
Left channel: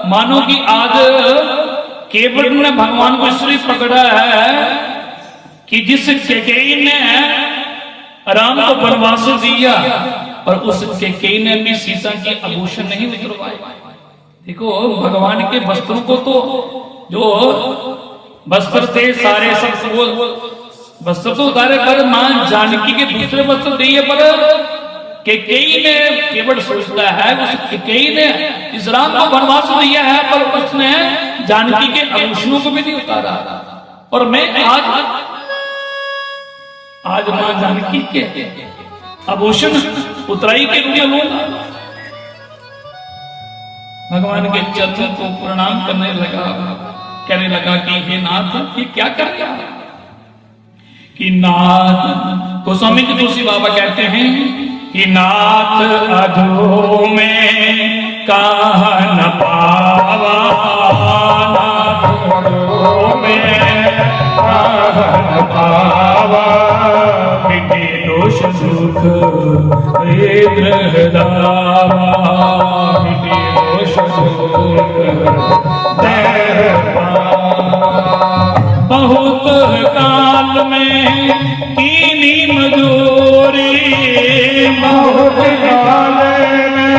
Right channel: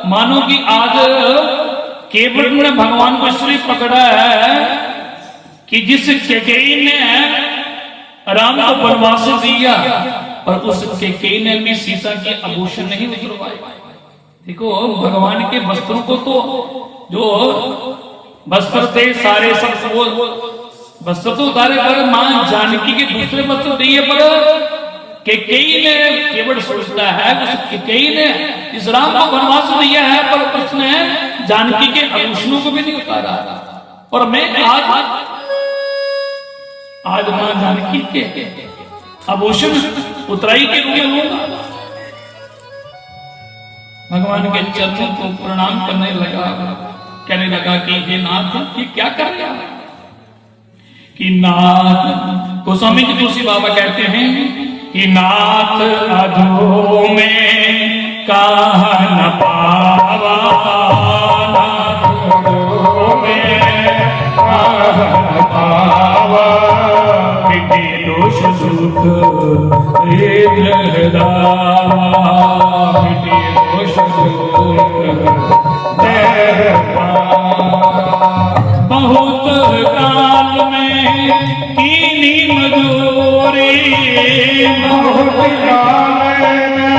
मानो कि आज केवट ने भगवान को इसलिए पकड़ा है कि जिस कैकेयी ने राम को वनवास दिया और उस कैकेयी ने भी सीता के आभूषण नहीं उतरवाए। देखो भगवान के वस्त्रों को तो जो वस्त्र थे सारे सब वो वस्त्र तो उतारे कर मां जानकी के दूसरे वस्त्र दिए, पर कैकेयी ने केवल सोचता है उस कैकेयी ने इस राम को वनवास दिया है पर उसने जानकी के आभूषणों को भी नहीं उतारा। और मैं आज मां जानकी के आभूषण उतराई के लिए लूंगा। भगवान के चरणों को प्रणाम करने लगा, कहने लगा कि हे नाथ ये क्या कर रहा है। कि नाथ गोस्वामी जी तुलसी बाबा कहते हैं कि नाथ अधो में कहा न पावा, नाथ अधो में कहा न पावा, मिटे दोष सुख हृदय दावा, मिटे दोष सुख हृदय बहुत काल में कीनी मजूरी, बहुत काल में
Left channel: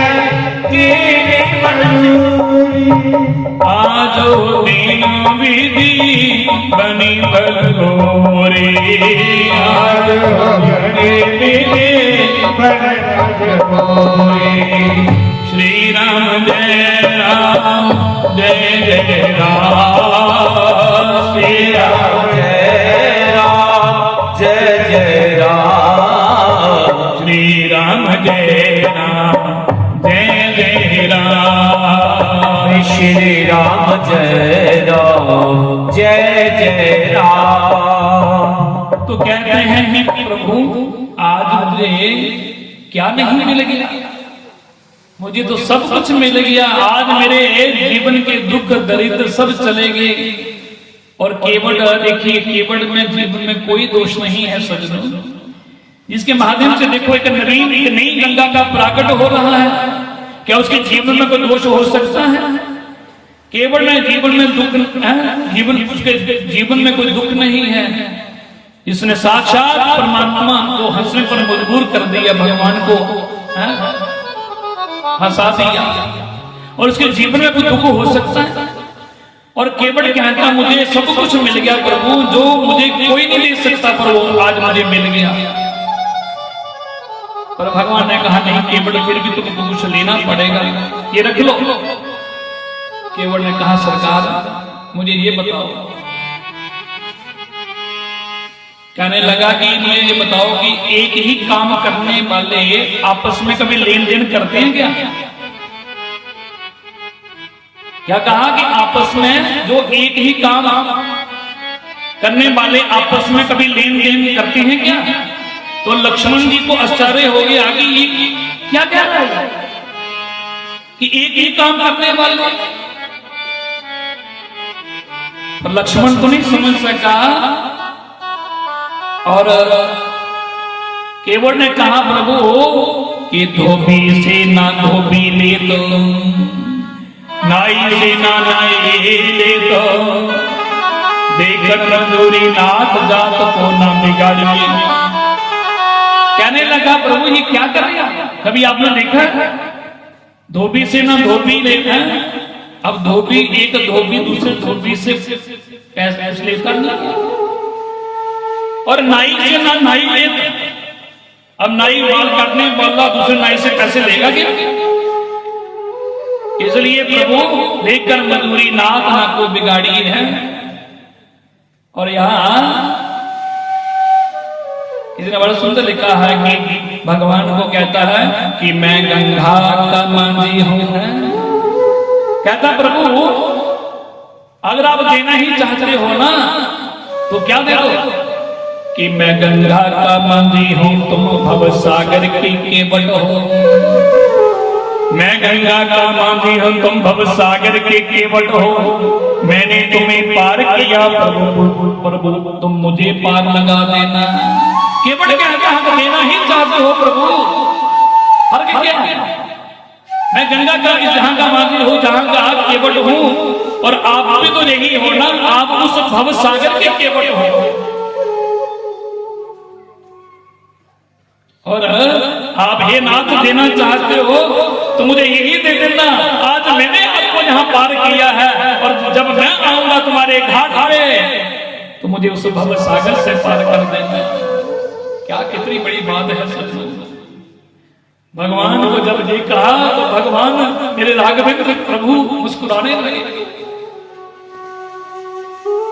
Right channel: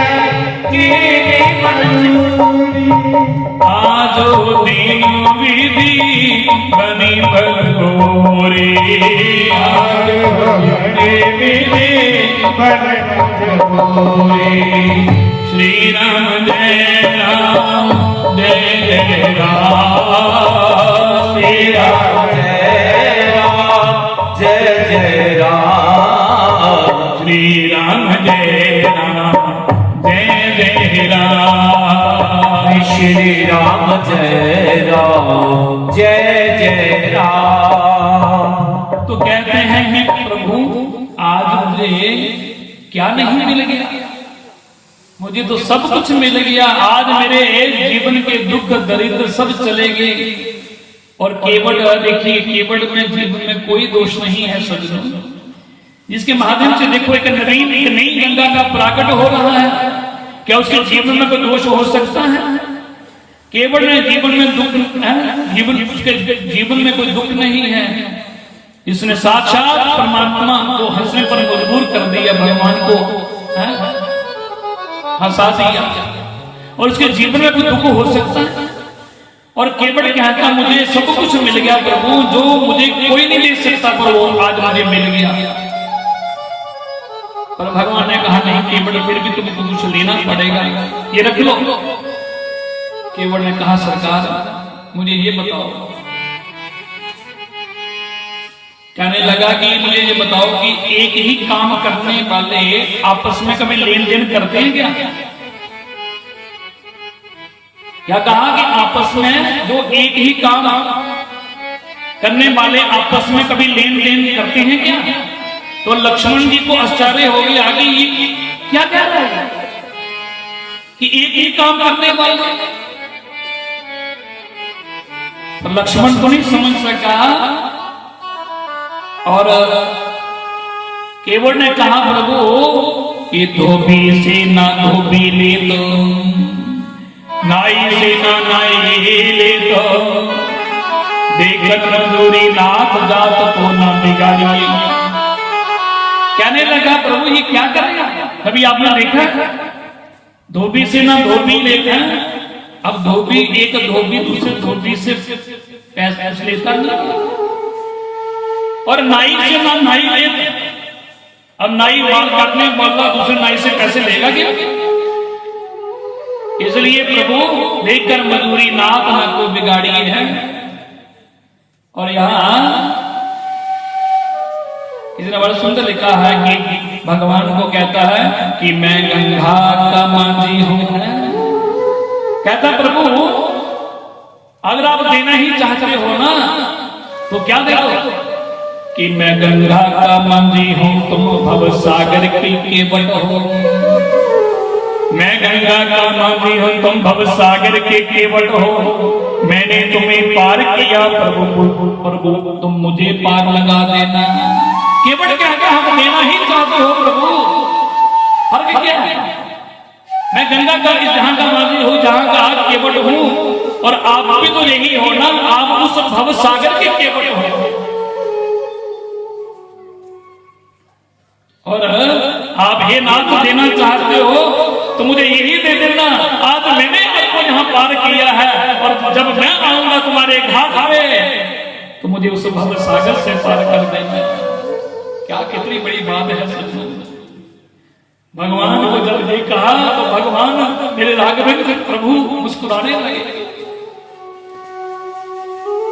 कीनी मजूरी, आज दिन विधि बनी बलोरी, आज विधि बनी बलोरी। श्री राम जय राम जय जय राम, श्री राम जय राम जय जय राम, श्री राम जय राम जय जय राम, श्री राम जय राम जय जय राम। तो कहते हैं कि प्रभु आज मुझे क्या नहीं मिल गया, मुझे तो सब कुछ मिल गया। आज मेरे जीवन के दुख दरिद्र सब चले गए। और केवट देखिए, केवट में जीवन में कोई दोष नहीं है सज्जनों, जिसके माध्यम से देखो एक नई गंगा का प्राकट हो रहा है। क्या उसके जीवन में कोई दोष हो सकता है? केवट में जीवन में दुख है, जीवन उसके जीवन में कोई दुख नहीं है। इसने साक्षात परमात्मा को हंसने पर मजबूर कर दिया, भगवान को हंसा दिया, और उसके जीवन में कोई दुख हो सकता है? और केवट कहता मुझे सब कुछ मिल गया प्रभु, जो मुझे कोई नहीं ले सकता पर वो आज मुझे मिल गया। पर भगवान ने कहा नहीं केवट, फिर भी तुम्हें कुछ लेना पड़ेगा, ये रख लो। केवट ने कहा सरकार मुझे ये बताओ, कहने लगा कि मुझे ये बताओ कि एक ही काम करने वाले आपस में कभी लेन देन करते हैं क्या? क्या कहा कि आपस में जो एक ही काम करने वाले आपस में कभी लेन देन करते हैं क्या? तो लक्ष्मण जी को आश्चर्य हो गया कि ये क्या कह रहा है कि एक ही काम करने वाले। तो लक्ष्मण तो नहीं समझ सका, और केवट ने कहा प्रभु कि धोबी से ना धोबी ले तो, नाई से ना नाई ले तो, देखकर मजदूरी नाथ जात को ना बिगाड़ी। कहने लगा प्रभु ये क्या करेगा? कभी आपने देखा धोबी से ना धोबी लेता, अब धोबी एक धोबी दूसरे धोबी से पैसे लेता नहीं, और नाई से ना नाई लेता। अब नाई बाल काटने वाला दूसरे नाई से पैसे लेगा क्या? इसलिए प्रभु लेकर मजूरी नाथ न को बिगाड़ी है। और यहां इसने बड़ा सुंदर लिखा है कि भगवान को कहता है कि मैं गंगा का मांझी हूं। कहता प्रभु अगर आप देना ही चाहते हो ना तो क्या दे दो कि मैं गंगा का मांझी हूं, तुम भव सागर की केवट हो। मैं गंगा का मांझी हूं, तुम भव सागर के केवट हो। मैंने तुम्हें पार किया प्रभु, प्रभु तुम मुझे पार लगा देना। केवट क्या है, हम देना ही चाहते हो प्रभु। हर क्या है, मैं गंगा का जहां का मांझी हूं, जहां का आप केवट हूं, और आप भी तो यही हो ना, आप उस भव सागर के केवट हो। और आप हे नाथ देना चाहते हो तो मुझे यही दे देना। आज मैंने आपको यहाँ पार किया है, और जब मैं आऊंगा तुम्हारे घाट में तो मुझे उस भव सागर से पार कर देना। क्या कितनी बड़ी बात है सच। भगवान को जब ये कहा तो भगवान मेरे राघवेंद्र प्रभु मुस्कुराने लगे।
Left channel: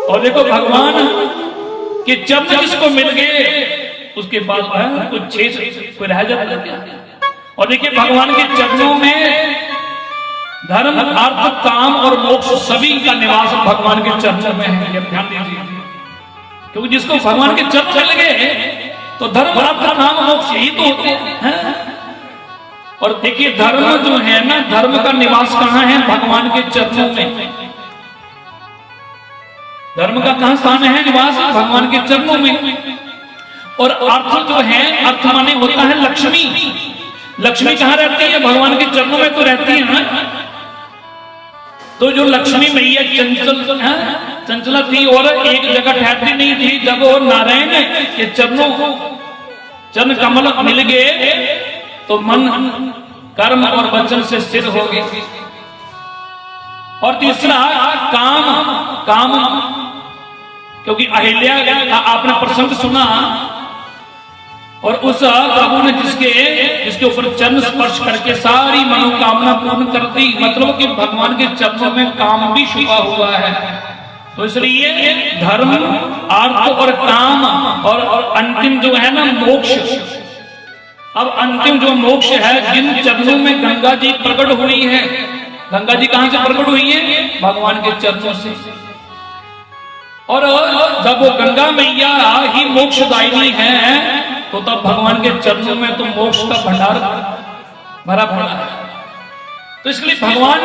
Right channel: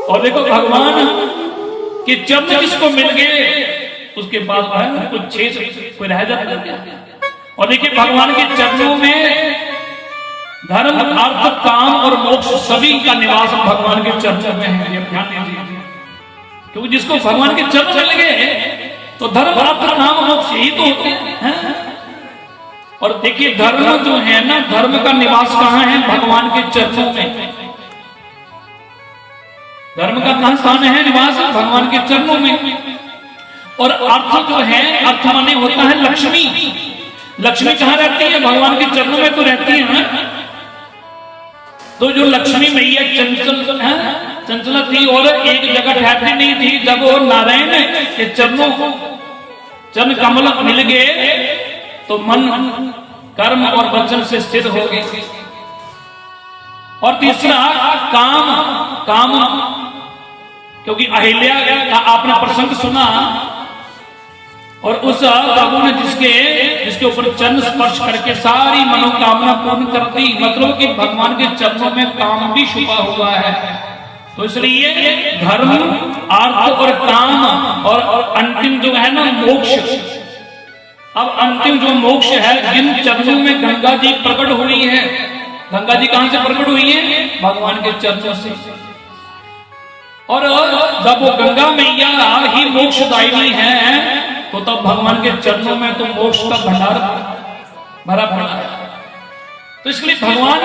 और देखो भगवान के चरण किसको मिल गए, उसके पास कुछ कोई रह जाता। और देखिए भगवान के चरणों में धर्म अर्थ काम और मोक्ष सभी का निवास भगवान के चरणों में है। ध्यान दीजिए, क्योंकि जिसको भगवान के चरण मिल गए तो धर्म अर्थ काम मोक्ष यही तो होते हैं। और देखिए धर्म जो है ना, धर्म का निवास कहाँ है, भगवान के चरणों में। धर्म का कहां स्थान है, निवास भगवान के चरणों में। और अर्थ जो है, अर्थ माने होता है लक्ष्मी। लक्ष्मी कहां रहती है, भगवान के चरणों में तो रहती है ना। तो जो लक्ष्मी मैया चंचल है, चंचला थी और एक जगह ठहरती नहीं थी। जब वो नारायण के चरणों चरण कमल मिल गए तो मन कर्म और वचन से स्थिर हो गए। और तीसरा काम, काम क्योंकि अहिल्या का आपने प्रसंग सुना, और उस प्रभु ने जिसके ऊपर चरण स्पर्श करके सारी मनोकामना पूर्ण कर दी। मतलब कि भगवान के चरणों में काम भी छुपा हुआ है। तो इसलिए धर्म अर्थ और काम और अंतिम जो है ना मोक्ष। अब अंतिम जो मोक्ष है, जिन चरणों में गंगा जी प्रकट हुई है। गंगा जी कहां से प्रकट हुई है, भगवान के चरणों से। और जब वो गंगा मैया ही मोक्षदायिनी है तो तब भगवान के चरणों में तो मोक्ष का भंडार भरा पड़ा है। तो इसलिए भगवान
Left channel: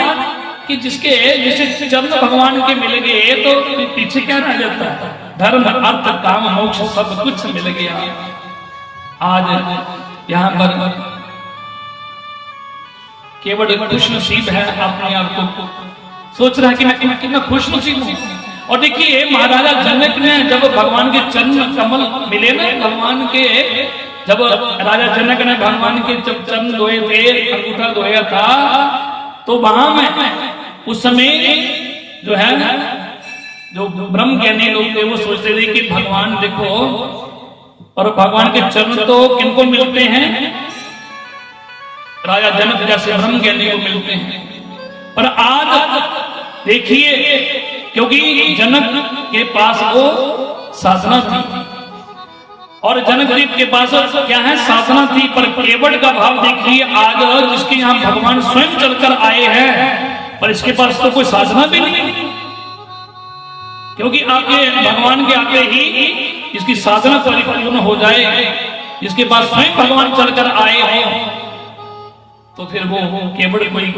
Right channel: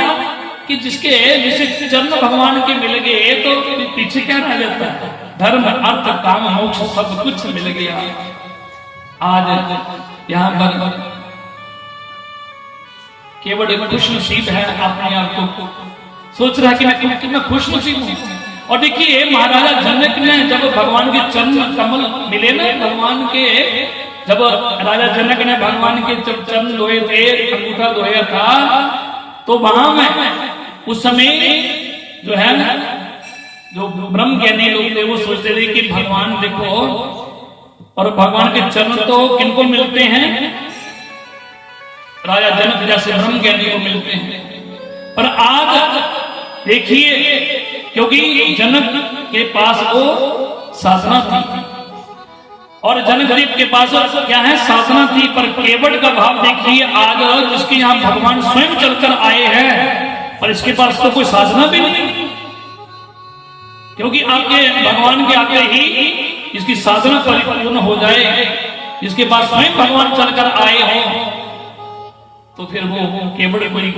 कि जिसे चरण भगवान के मिल गए तो पीछे क्या रह जाता है, धर्म अर्थ काम मोक्ष सब कुछ मिल गया। आज यहाँ पर केवल खुश नसीब है, अपने आप को सोच रहा है कि मैं कितना खुश नसीब हूं। और देखिए महाराजा जनक ने जब भगवान के चरण कमल मिले ना, भगवान के जब राजा जनक ने भगवान के जब चरण धोए थे, अंगूठा धोया था, तो वहां में उस समय जो है जो ब्रह्म ज्ञानी लोग थे वो सोचते थे कि भगवान देखो, और भगवान के चरण तो किनको मिलते हैं, राजा जनक जैसे ब्रह्म ज्ञानी को मिलते हैं। पर आज देखिए, क्योंकि जनक के पास वो साधना थी, और जनक जी के पास क्या है, साधना थी। पर केवट का भाव देखिए, आज जिसके यहाँ भगवान स्वयं चलकर आए हैं, पर इसके पास तो कोई साधना भी नहीं। क्योंकि आपके भगवान के आगे ही इसकी साधना परिपूर्ण हो जाए। जिसके पास स्वयं भगवान चलकर आए हो तो फिर वो केवट कोई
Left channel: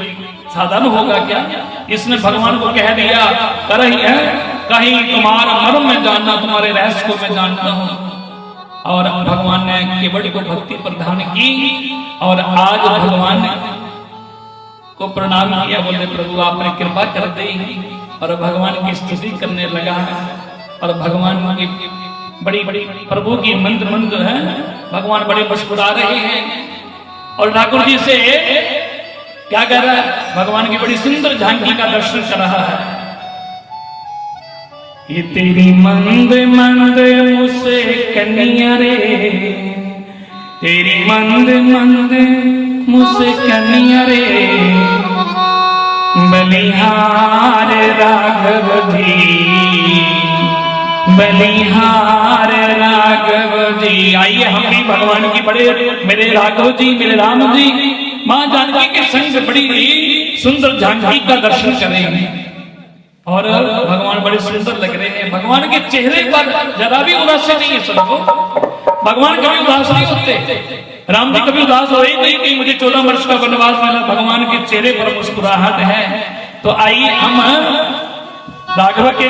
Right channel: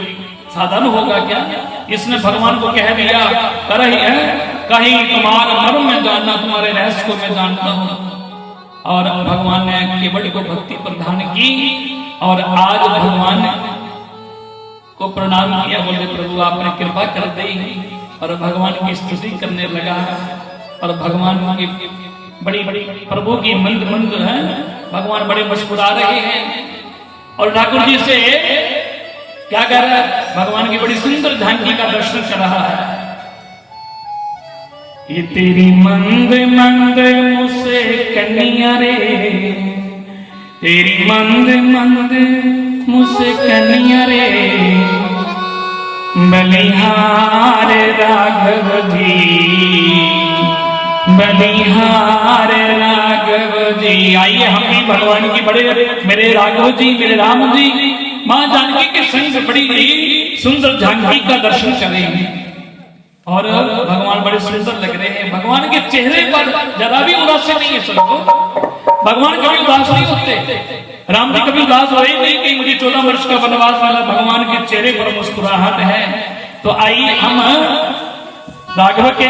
साधन होगा क्या। इसने भगवान को कह दिया, कर ही है कहीं तुम्हारा मर्म में जानना, तुम्हारे रहस्य को मैं जानता हूं। और भगवान ने केवट को भक्ति प्रदान की, और आज भगवान को प्रणाम किया, बोले प्रभु आपने कृपा कर दी, और भगवान की स्तुति करने लगा। और भगवान की बड़ी बड़ी प्रभु की मंद मंद है, भगवान बड़े मुस्कुरा रहे हैं। और ठाकुर जी से क्या कह रहा है, भगवान की बड़ी सुंदर झांकी का दर्शन कर रहा है। ये तेरी मंद मंद मुझसे कन्या रे, तेरी मंद मंद मुझसे कन्या रे, बलिहार राघव जी, बलिहार राघव जी। आइए हम भी भगवान की बड़े, मेरे राघव जी, मेरे राम जी, मां जानकी के संग बड़ी सुंदर झांकी का दर्शन करेंगे। और भगवान बड़े सुंदर लग रहे हैं। भगवान के चेहरे पर जरा भी उदासी नहीं है सबको। भगवान कभी उदास नहीं होते। राम जी कभी उदास हुए नहीं कि मुझे 14 वर्ष का वनवास मिला। भगवान के चेहरे पर मुस्कुराहट है। तो आइए हम राघव के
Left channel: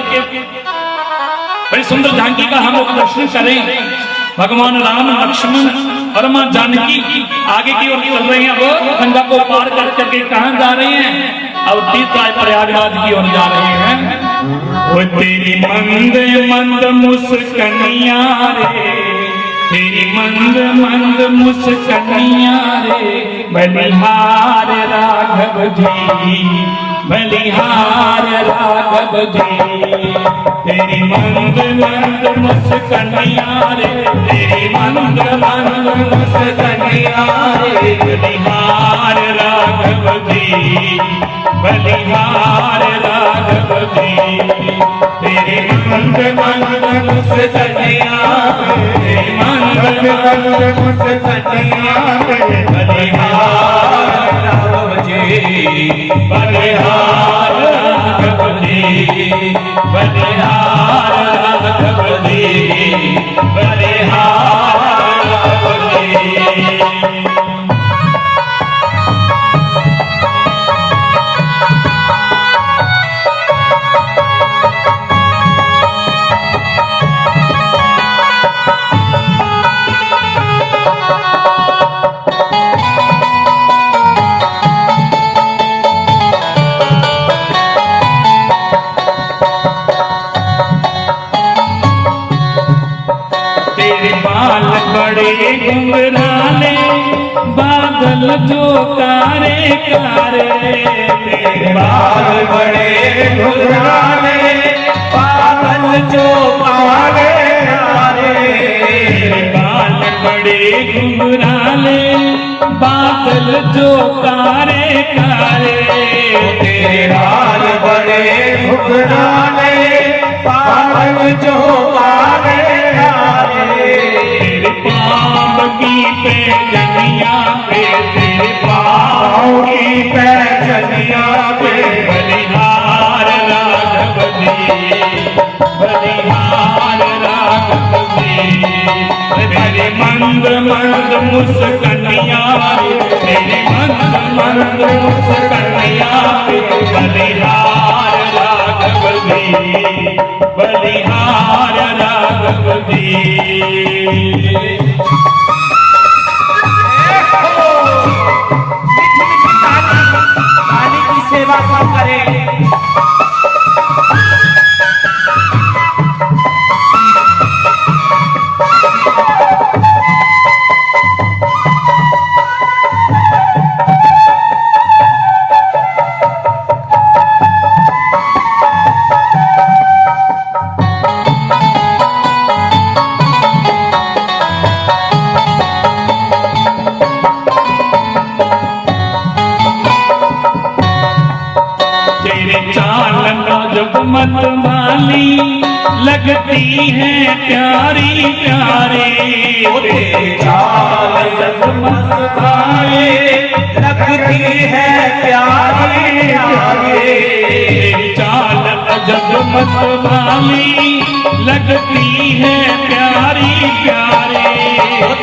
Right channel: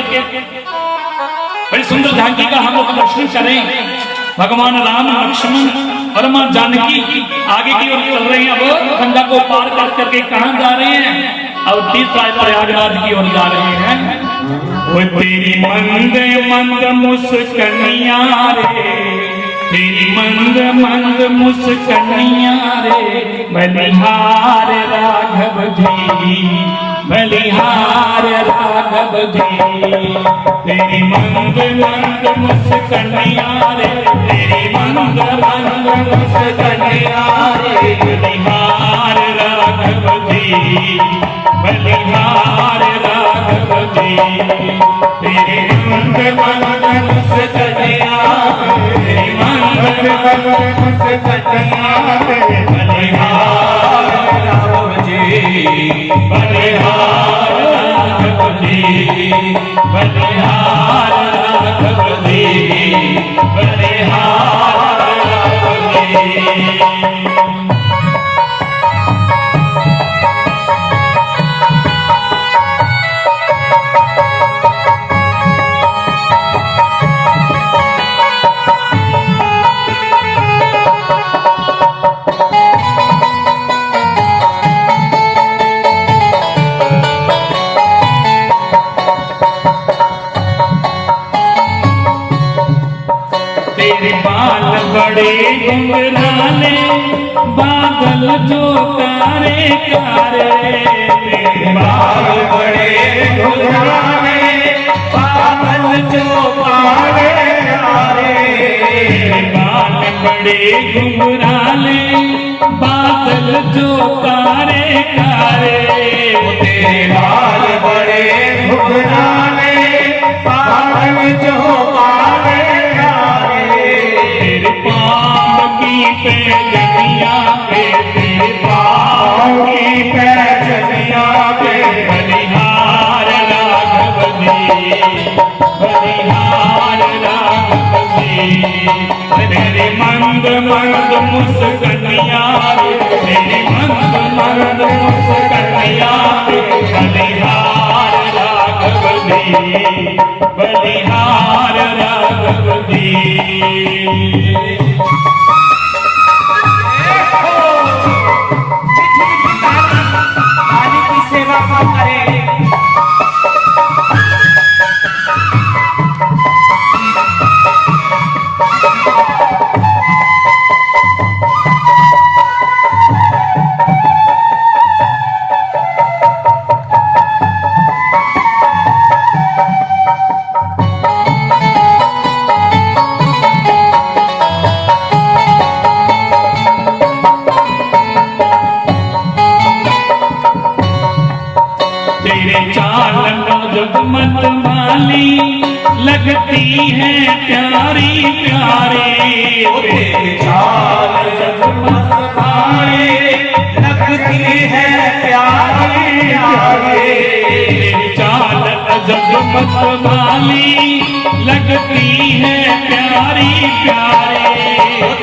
बड़ी सुंदर झांकी का हम लोग दर्शन करें। भगवान राम, लक्ष्मण और मां जानकी आगे की ओर चल रहे हैं। वो गंगा को पार कर करके कहां जा रहे हैं? और तीर्थराज प्रयागराज की ओर जा रहे हैं। वो तेरी मंद मंद मुस्कनिया रे, तेरी मंद मंद मुस्कनिया रे, बलिहार राघव जी, बलिहार राघव जी। तेरी मंद मंद मुस्कनिया रे, तेरी मंद मंद मुस्कनिया रे, बलिहार राघव जी, बलिहार राघव जी। तेरे मंद मंद मुस्कनिया रे, मंद मंद मुस्कनिया रे, बलिहार राघव जी, बलिहार राघव जी, बलिहार राघव जी, बलिहार राघव जी। तेरे बाल बड़े घुंघराले, बादल जो कारे कारे। तेरे बाल बड़े घुंघराले, बादल जो कारे कारे। तेरे बाल बड़े घुंघराले, बादल जो कारे कारे। तेरे बाल बड़े घुंघराले, बादल जो कारे। पाँव की पैजनिया पे, तेरे पाँव की पैजनिया पे, बलिहार राघव जी, बलिहार राघव जी। तेरे मंद मंद मुस्कनिया पे, तेरे मंद मंद मुस्कनिया पे, बलिहार राघव जी, बलिहार राघव जी। की सेवा करें। तेरे चाल मत माली, लगती है प्यारी प्यारी। तेरे चाल मत माली, लगती है प्यारी प्यारी। चाल मत माली, लगती है प्यारी प्यारी।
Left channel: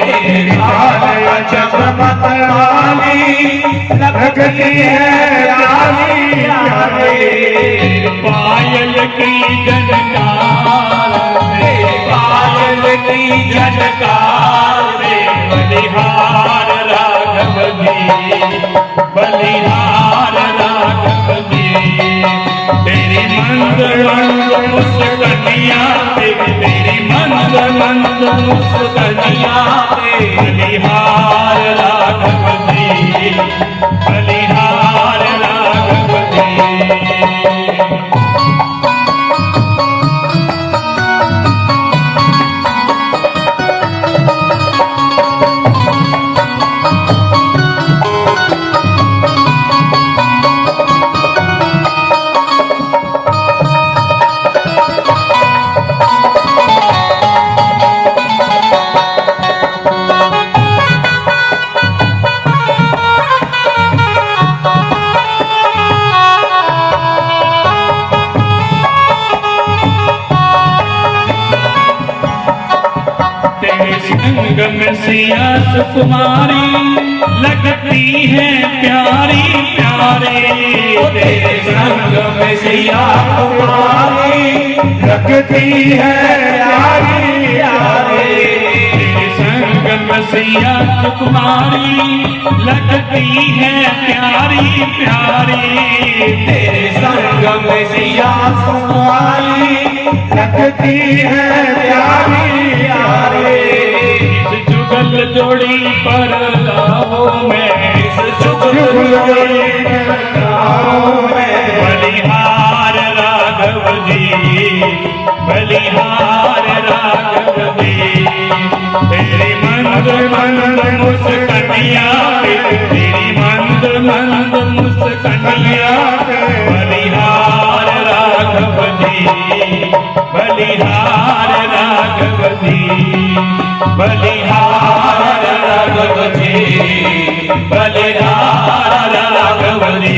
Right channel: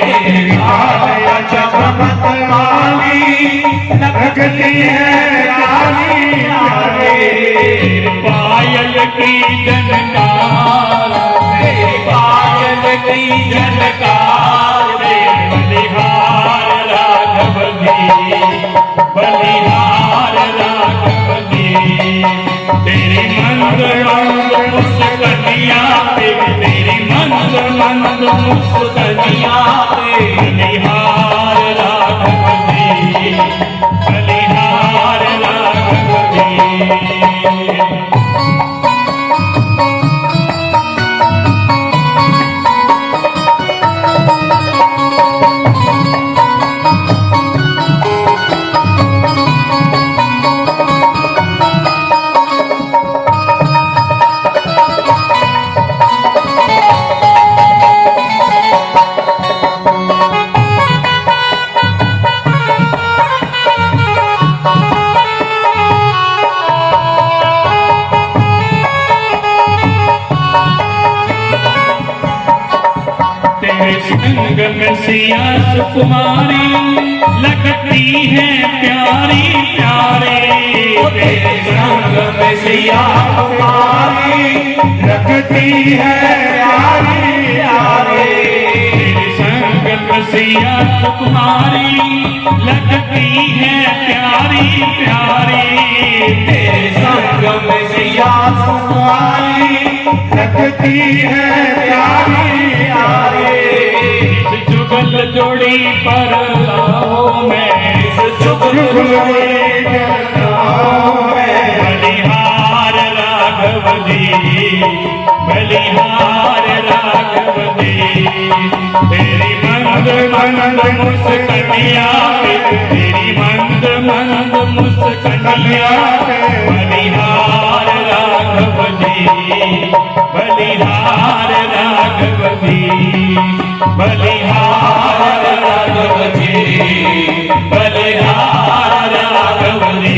तेरे चाल मत माली, लगती है प्यारी प्यारी। पायल की जनकार, पायल की जनकार, बलिहार राघव जी, बलिहार राघव जी। तेरी मंद मंद मुस्कनिया पे, तेरी मंद मंद मुस्कनिया पे, बलिहार राघव जी, बलिहार राघव जी। संगम सिया सुकुमारी लगती है प्यारी प्यारे तेरे संग में सिया कुमारी लगती है प्यारी प्यारे तेरे संगम सिया सुकुमारी लगती है प्यारी प्यारी तेरे संग में सिया कुमारी लगती है प्यारी प्यारे जुगल जोड़ी पर आओ मैं इस जुगल जोड़ी बलिहार राघव जी बलिहार राघव जी तेरी मंद मंद मुस्कनिया तेरी मंद मंद मुस्कनिया बलिहार राघव जी बलिहार राघव जी बलिहार राघव जी बलिहार राघव जी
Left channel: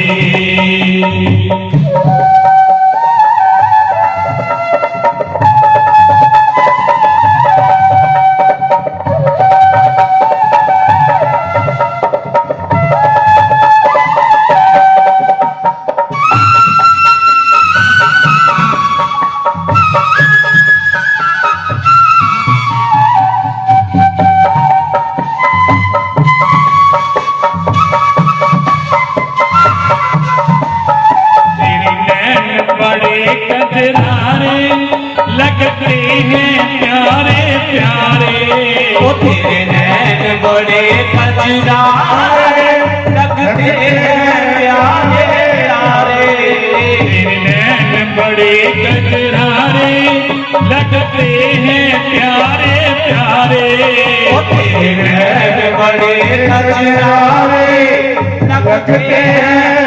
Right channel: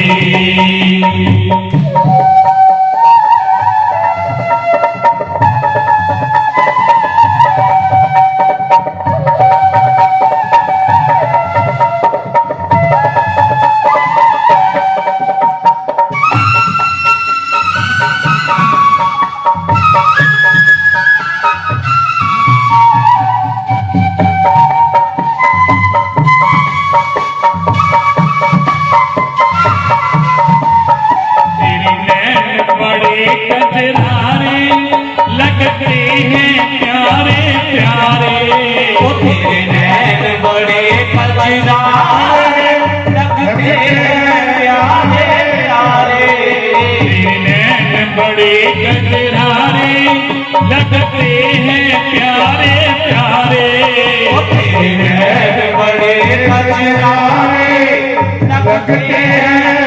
कजरारे लगते हैं प्यारे प्यारे वो तेरे नैन बड़े कजरारे लगते हैं प्यारे प्यारे तेरे नैन बड़े कजरारे लगते हैं प्यारे प्यारे वो तेरे नैन बड़े कजरारे लगते हैं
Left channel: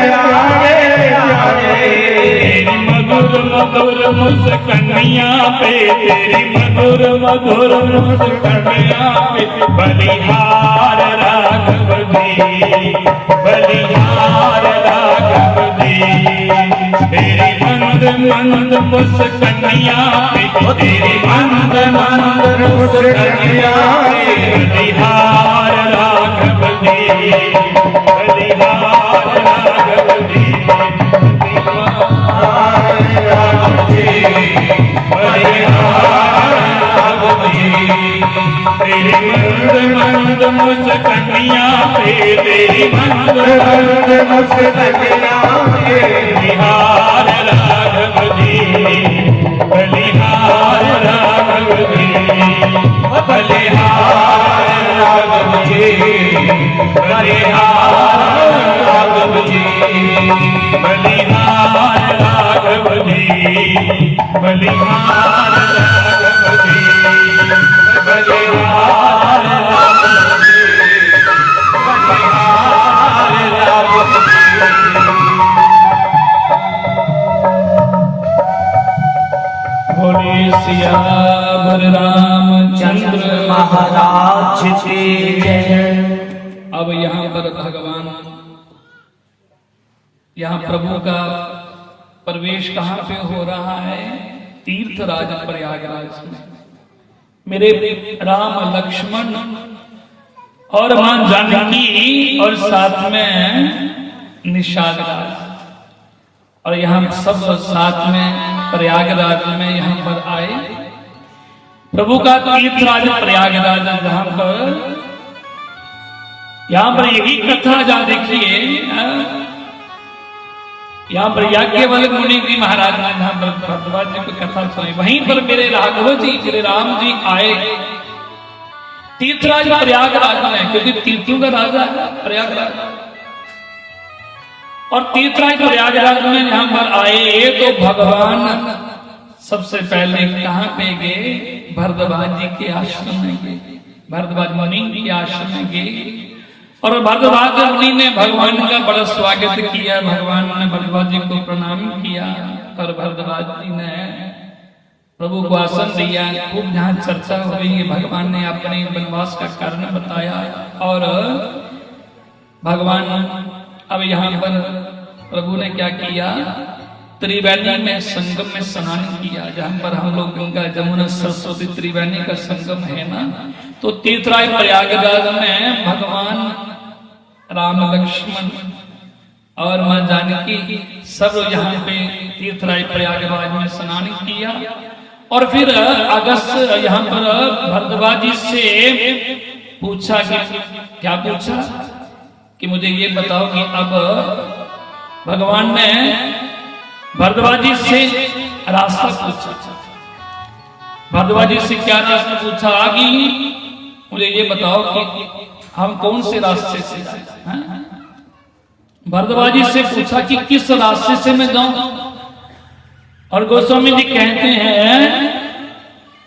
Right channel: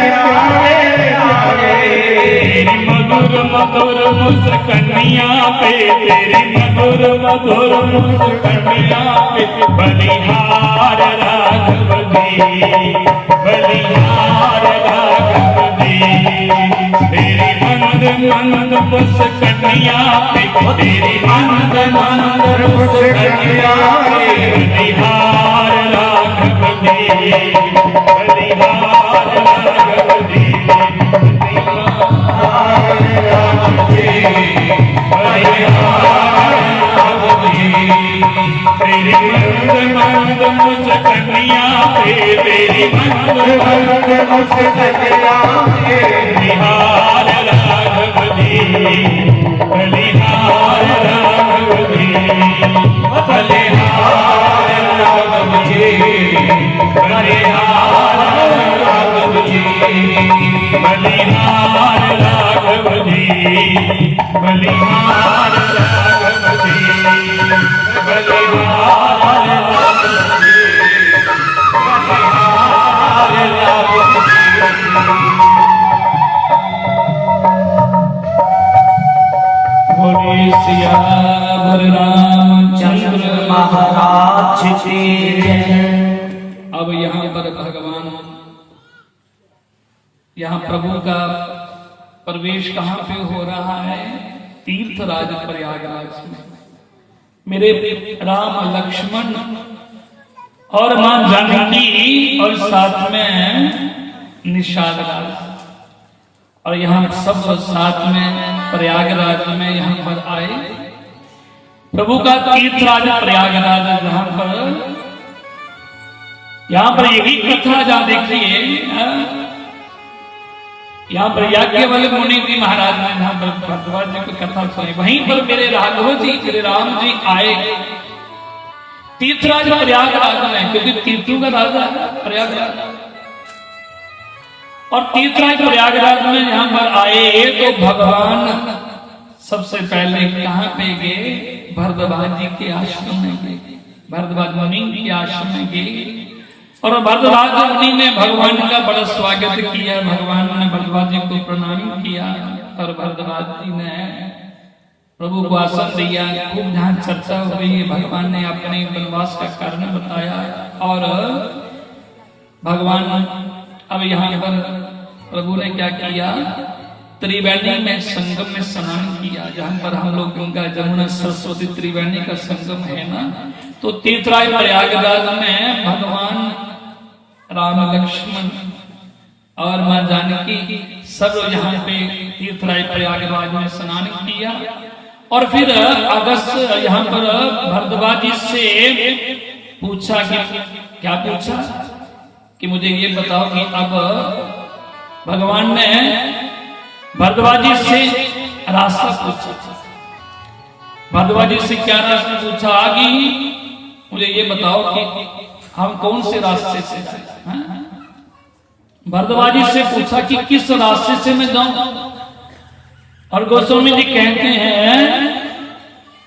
प्यारे प्यारे मधुर मधुर मुस्कनिया पे तेरी मधुर मधुर मुस्कनिया पे बलिहार राघव जी बलिहार राघव जी तेरी मंद मंद मुस्कनिया पे तेरी मंद मंद मुस्कनिया पे बलिहार राघव जी बलिहार राघव जी तेरी मंद मुस्कनिया पे तेरी मंद मंद मुस्कनिया पे बलिहार राघव जी बलिहार राघव जी बलिहार राघव जी बलिहार राघव जी बलिहार राघव जी बलिहार राघव जी बलिहार राघव जी बलिहार राघव जी बोले सियावर रामचंद्र महाराज की जय। अब यहाँ पर भगवान यहाँ प्रभु का प्रवेश कहाँ पे हो रहा है? तीर्थराज प्रयागराज में। मेरे राम लक्ष्मण और मां जानकी और साथ में निषाद राज और यहाँ सब साथ में प्रयागराज में यहाँ पर आए। प्रभु का तीर्थराज प्रयागराज यहाँ पर यही कथा जहाँ देखिए यहाँ पर याज्ञवल्क्य मुनि जी महाराज ने जहाँ पर भरद्वाज जी की कथा सुनाई, वहीं पर मेरे राघव जी श्री राम जी आए तीर्थराज प्रयागराज में, क्योंकि तीर्थों का राजा है प्रयागराज। और तीर्थराज प्रयागराज में यहाँ पर आए तो भगवान सबसे पहले कहाँ पे गए? भरद्वाज जी के आश्रम में गए, भरद्वाज मुनि के आश्रम में गए। और भरद्वाज मुनि ने भगवान का बड़ा स्वागत किया, भगवान ने भरद्वाज जी को प्रणाम किया और भरद्वाज जी ने प्रभु को आसन दिया। खूब जहाँ चर्चा हुई, भगवान ने अपने वनवास का कारण बताया। और भगवान अब यहाँ पर प्रभु ने क्या किया? त्रिवेणी में संगम में स्नान किया, जहाँ पर हम लोग गंगा जमुना सरस्वती त्रिवेणी का संगम है ना, तो तीर्थराज प्रयागराज में भगवान राम लक्ष्मण और मां जानकी सब लोग यहाँ पे तीर्थराज प्रयागराज में स्नान किया। और फिर अगस्त यहाँ पर भरद्वाज जी से पूछा कि क्या पूछा कि मुझे ये बताओ कि अब भगवान ने भरद्वाज जी से रास्ता पूछा। भरद्वाज जी से क्या रास्ता पूछा कि मुझे ये बताओ कि हम कौन से रास्ते से जाएं? भरद्वाज जी से पूछा कि किस रास्ते से मैं जाऊं। और गोस्वामी जी कहते हैं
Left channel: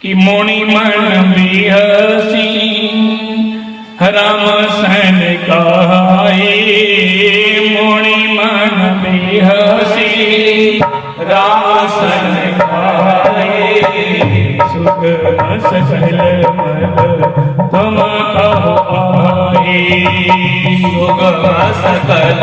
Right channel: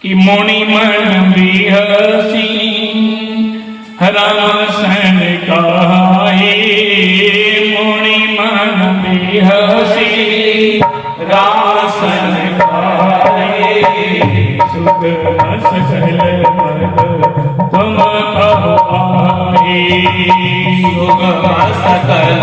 कि मोनी मन बिहसी राम सन गाए, मोनी मन बिहसी राम सन गाए, सुख सकल मत तुम कहो आए, सुख सकल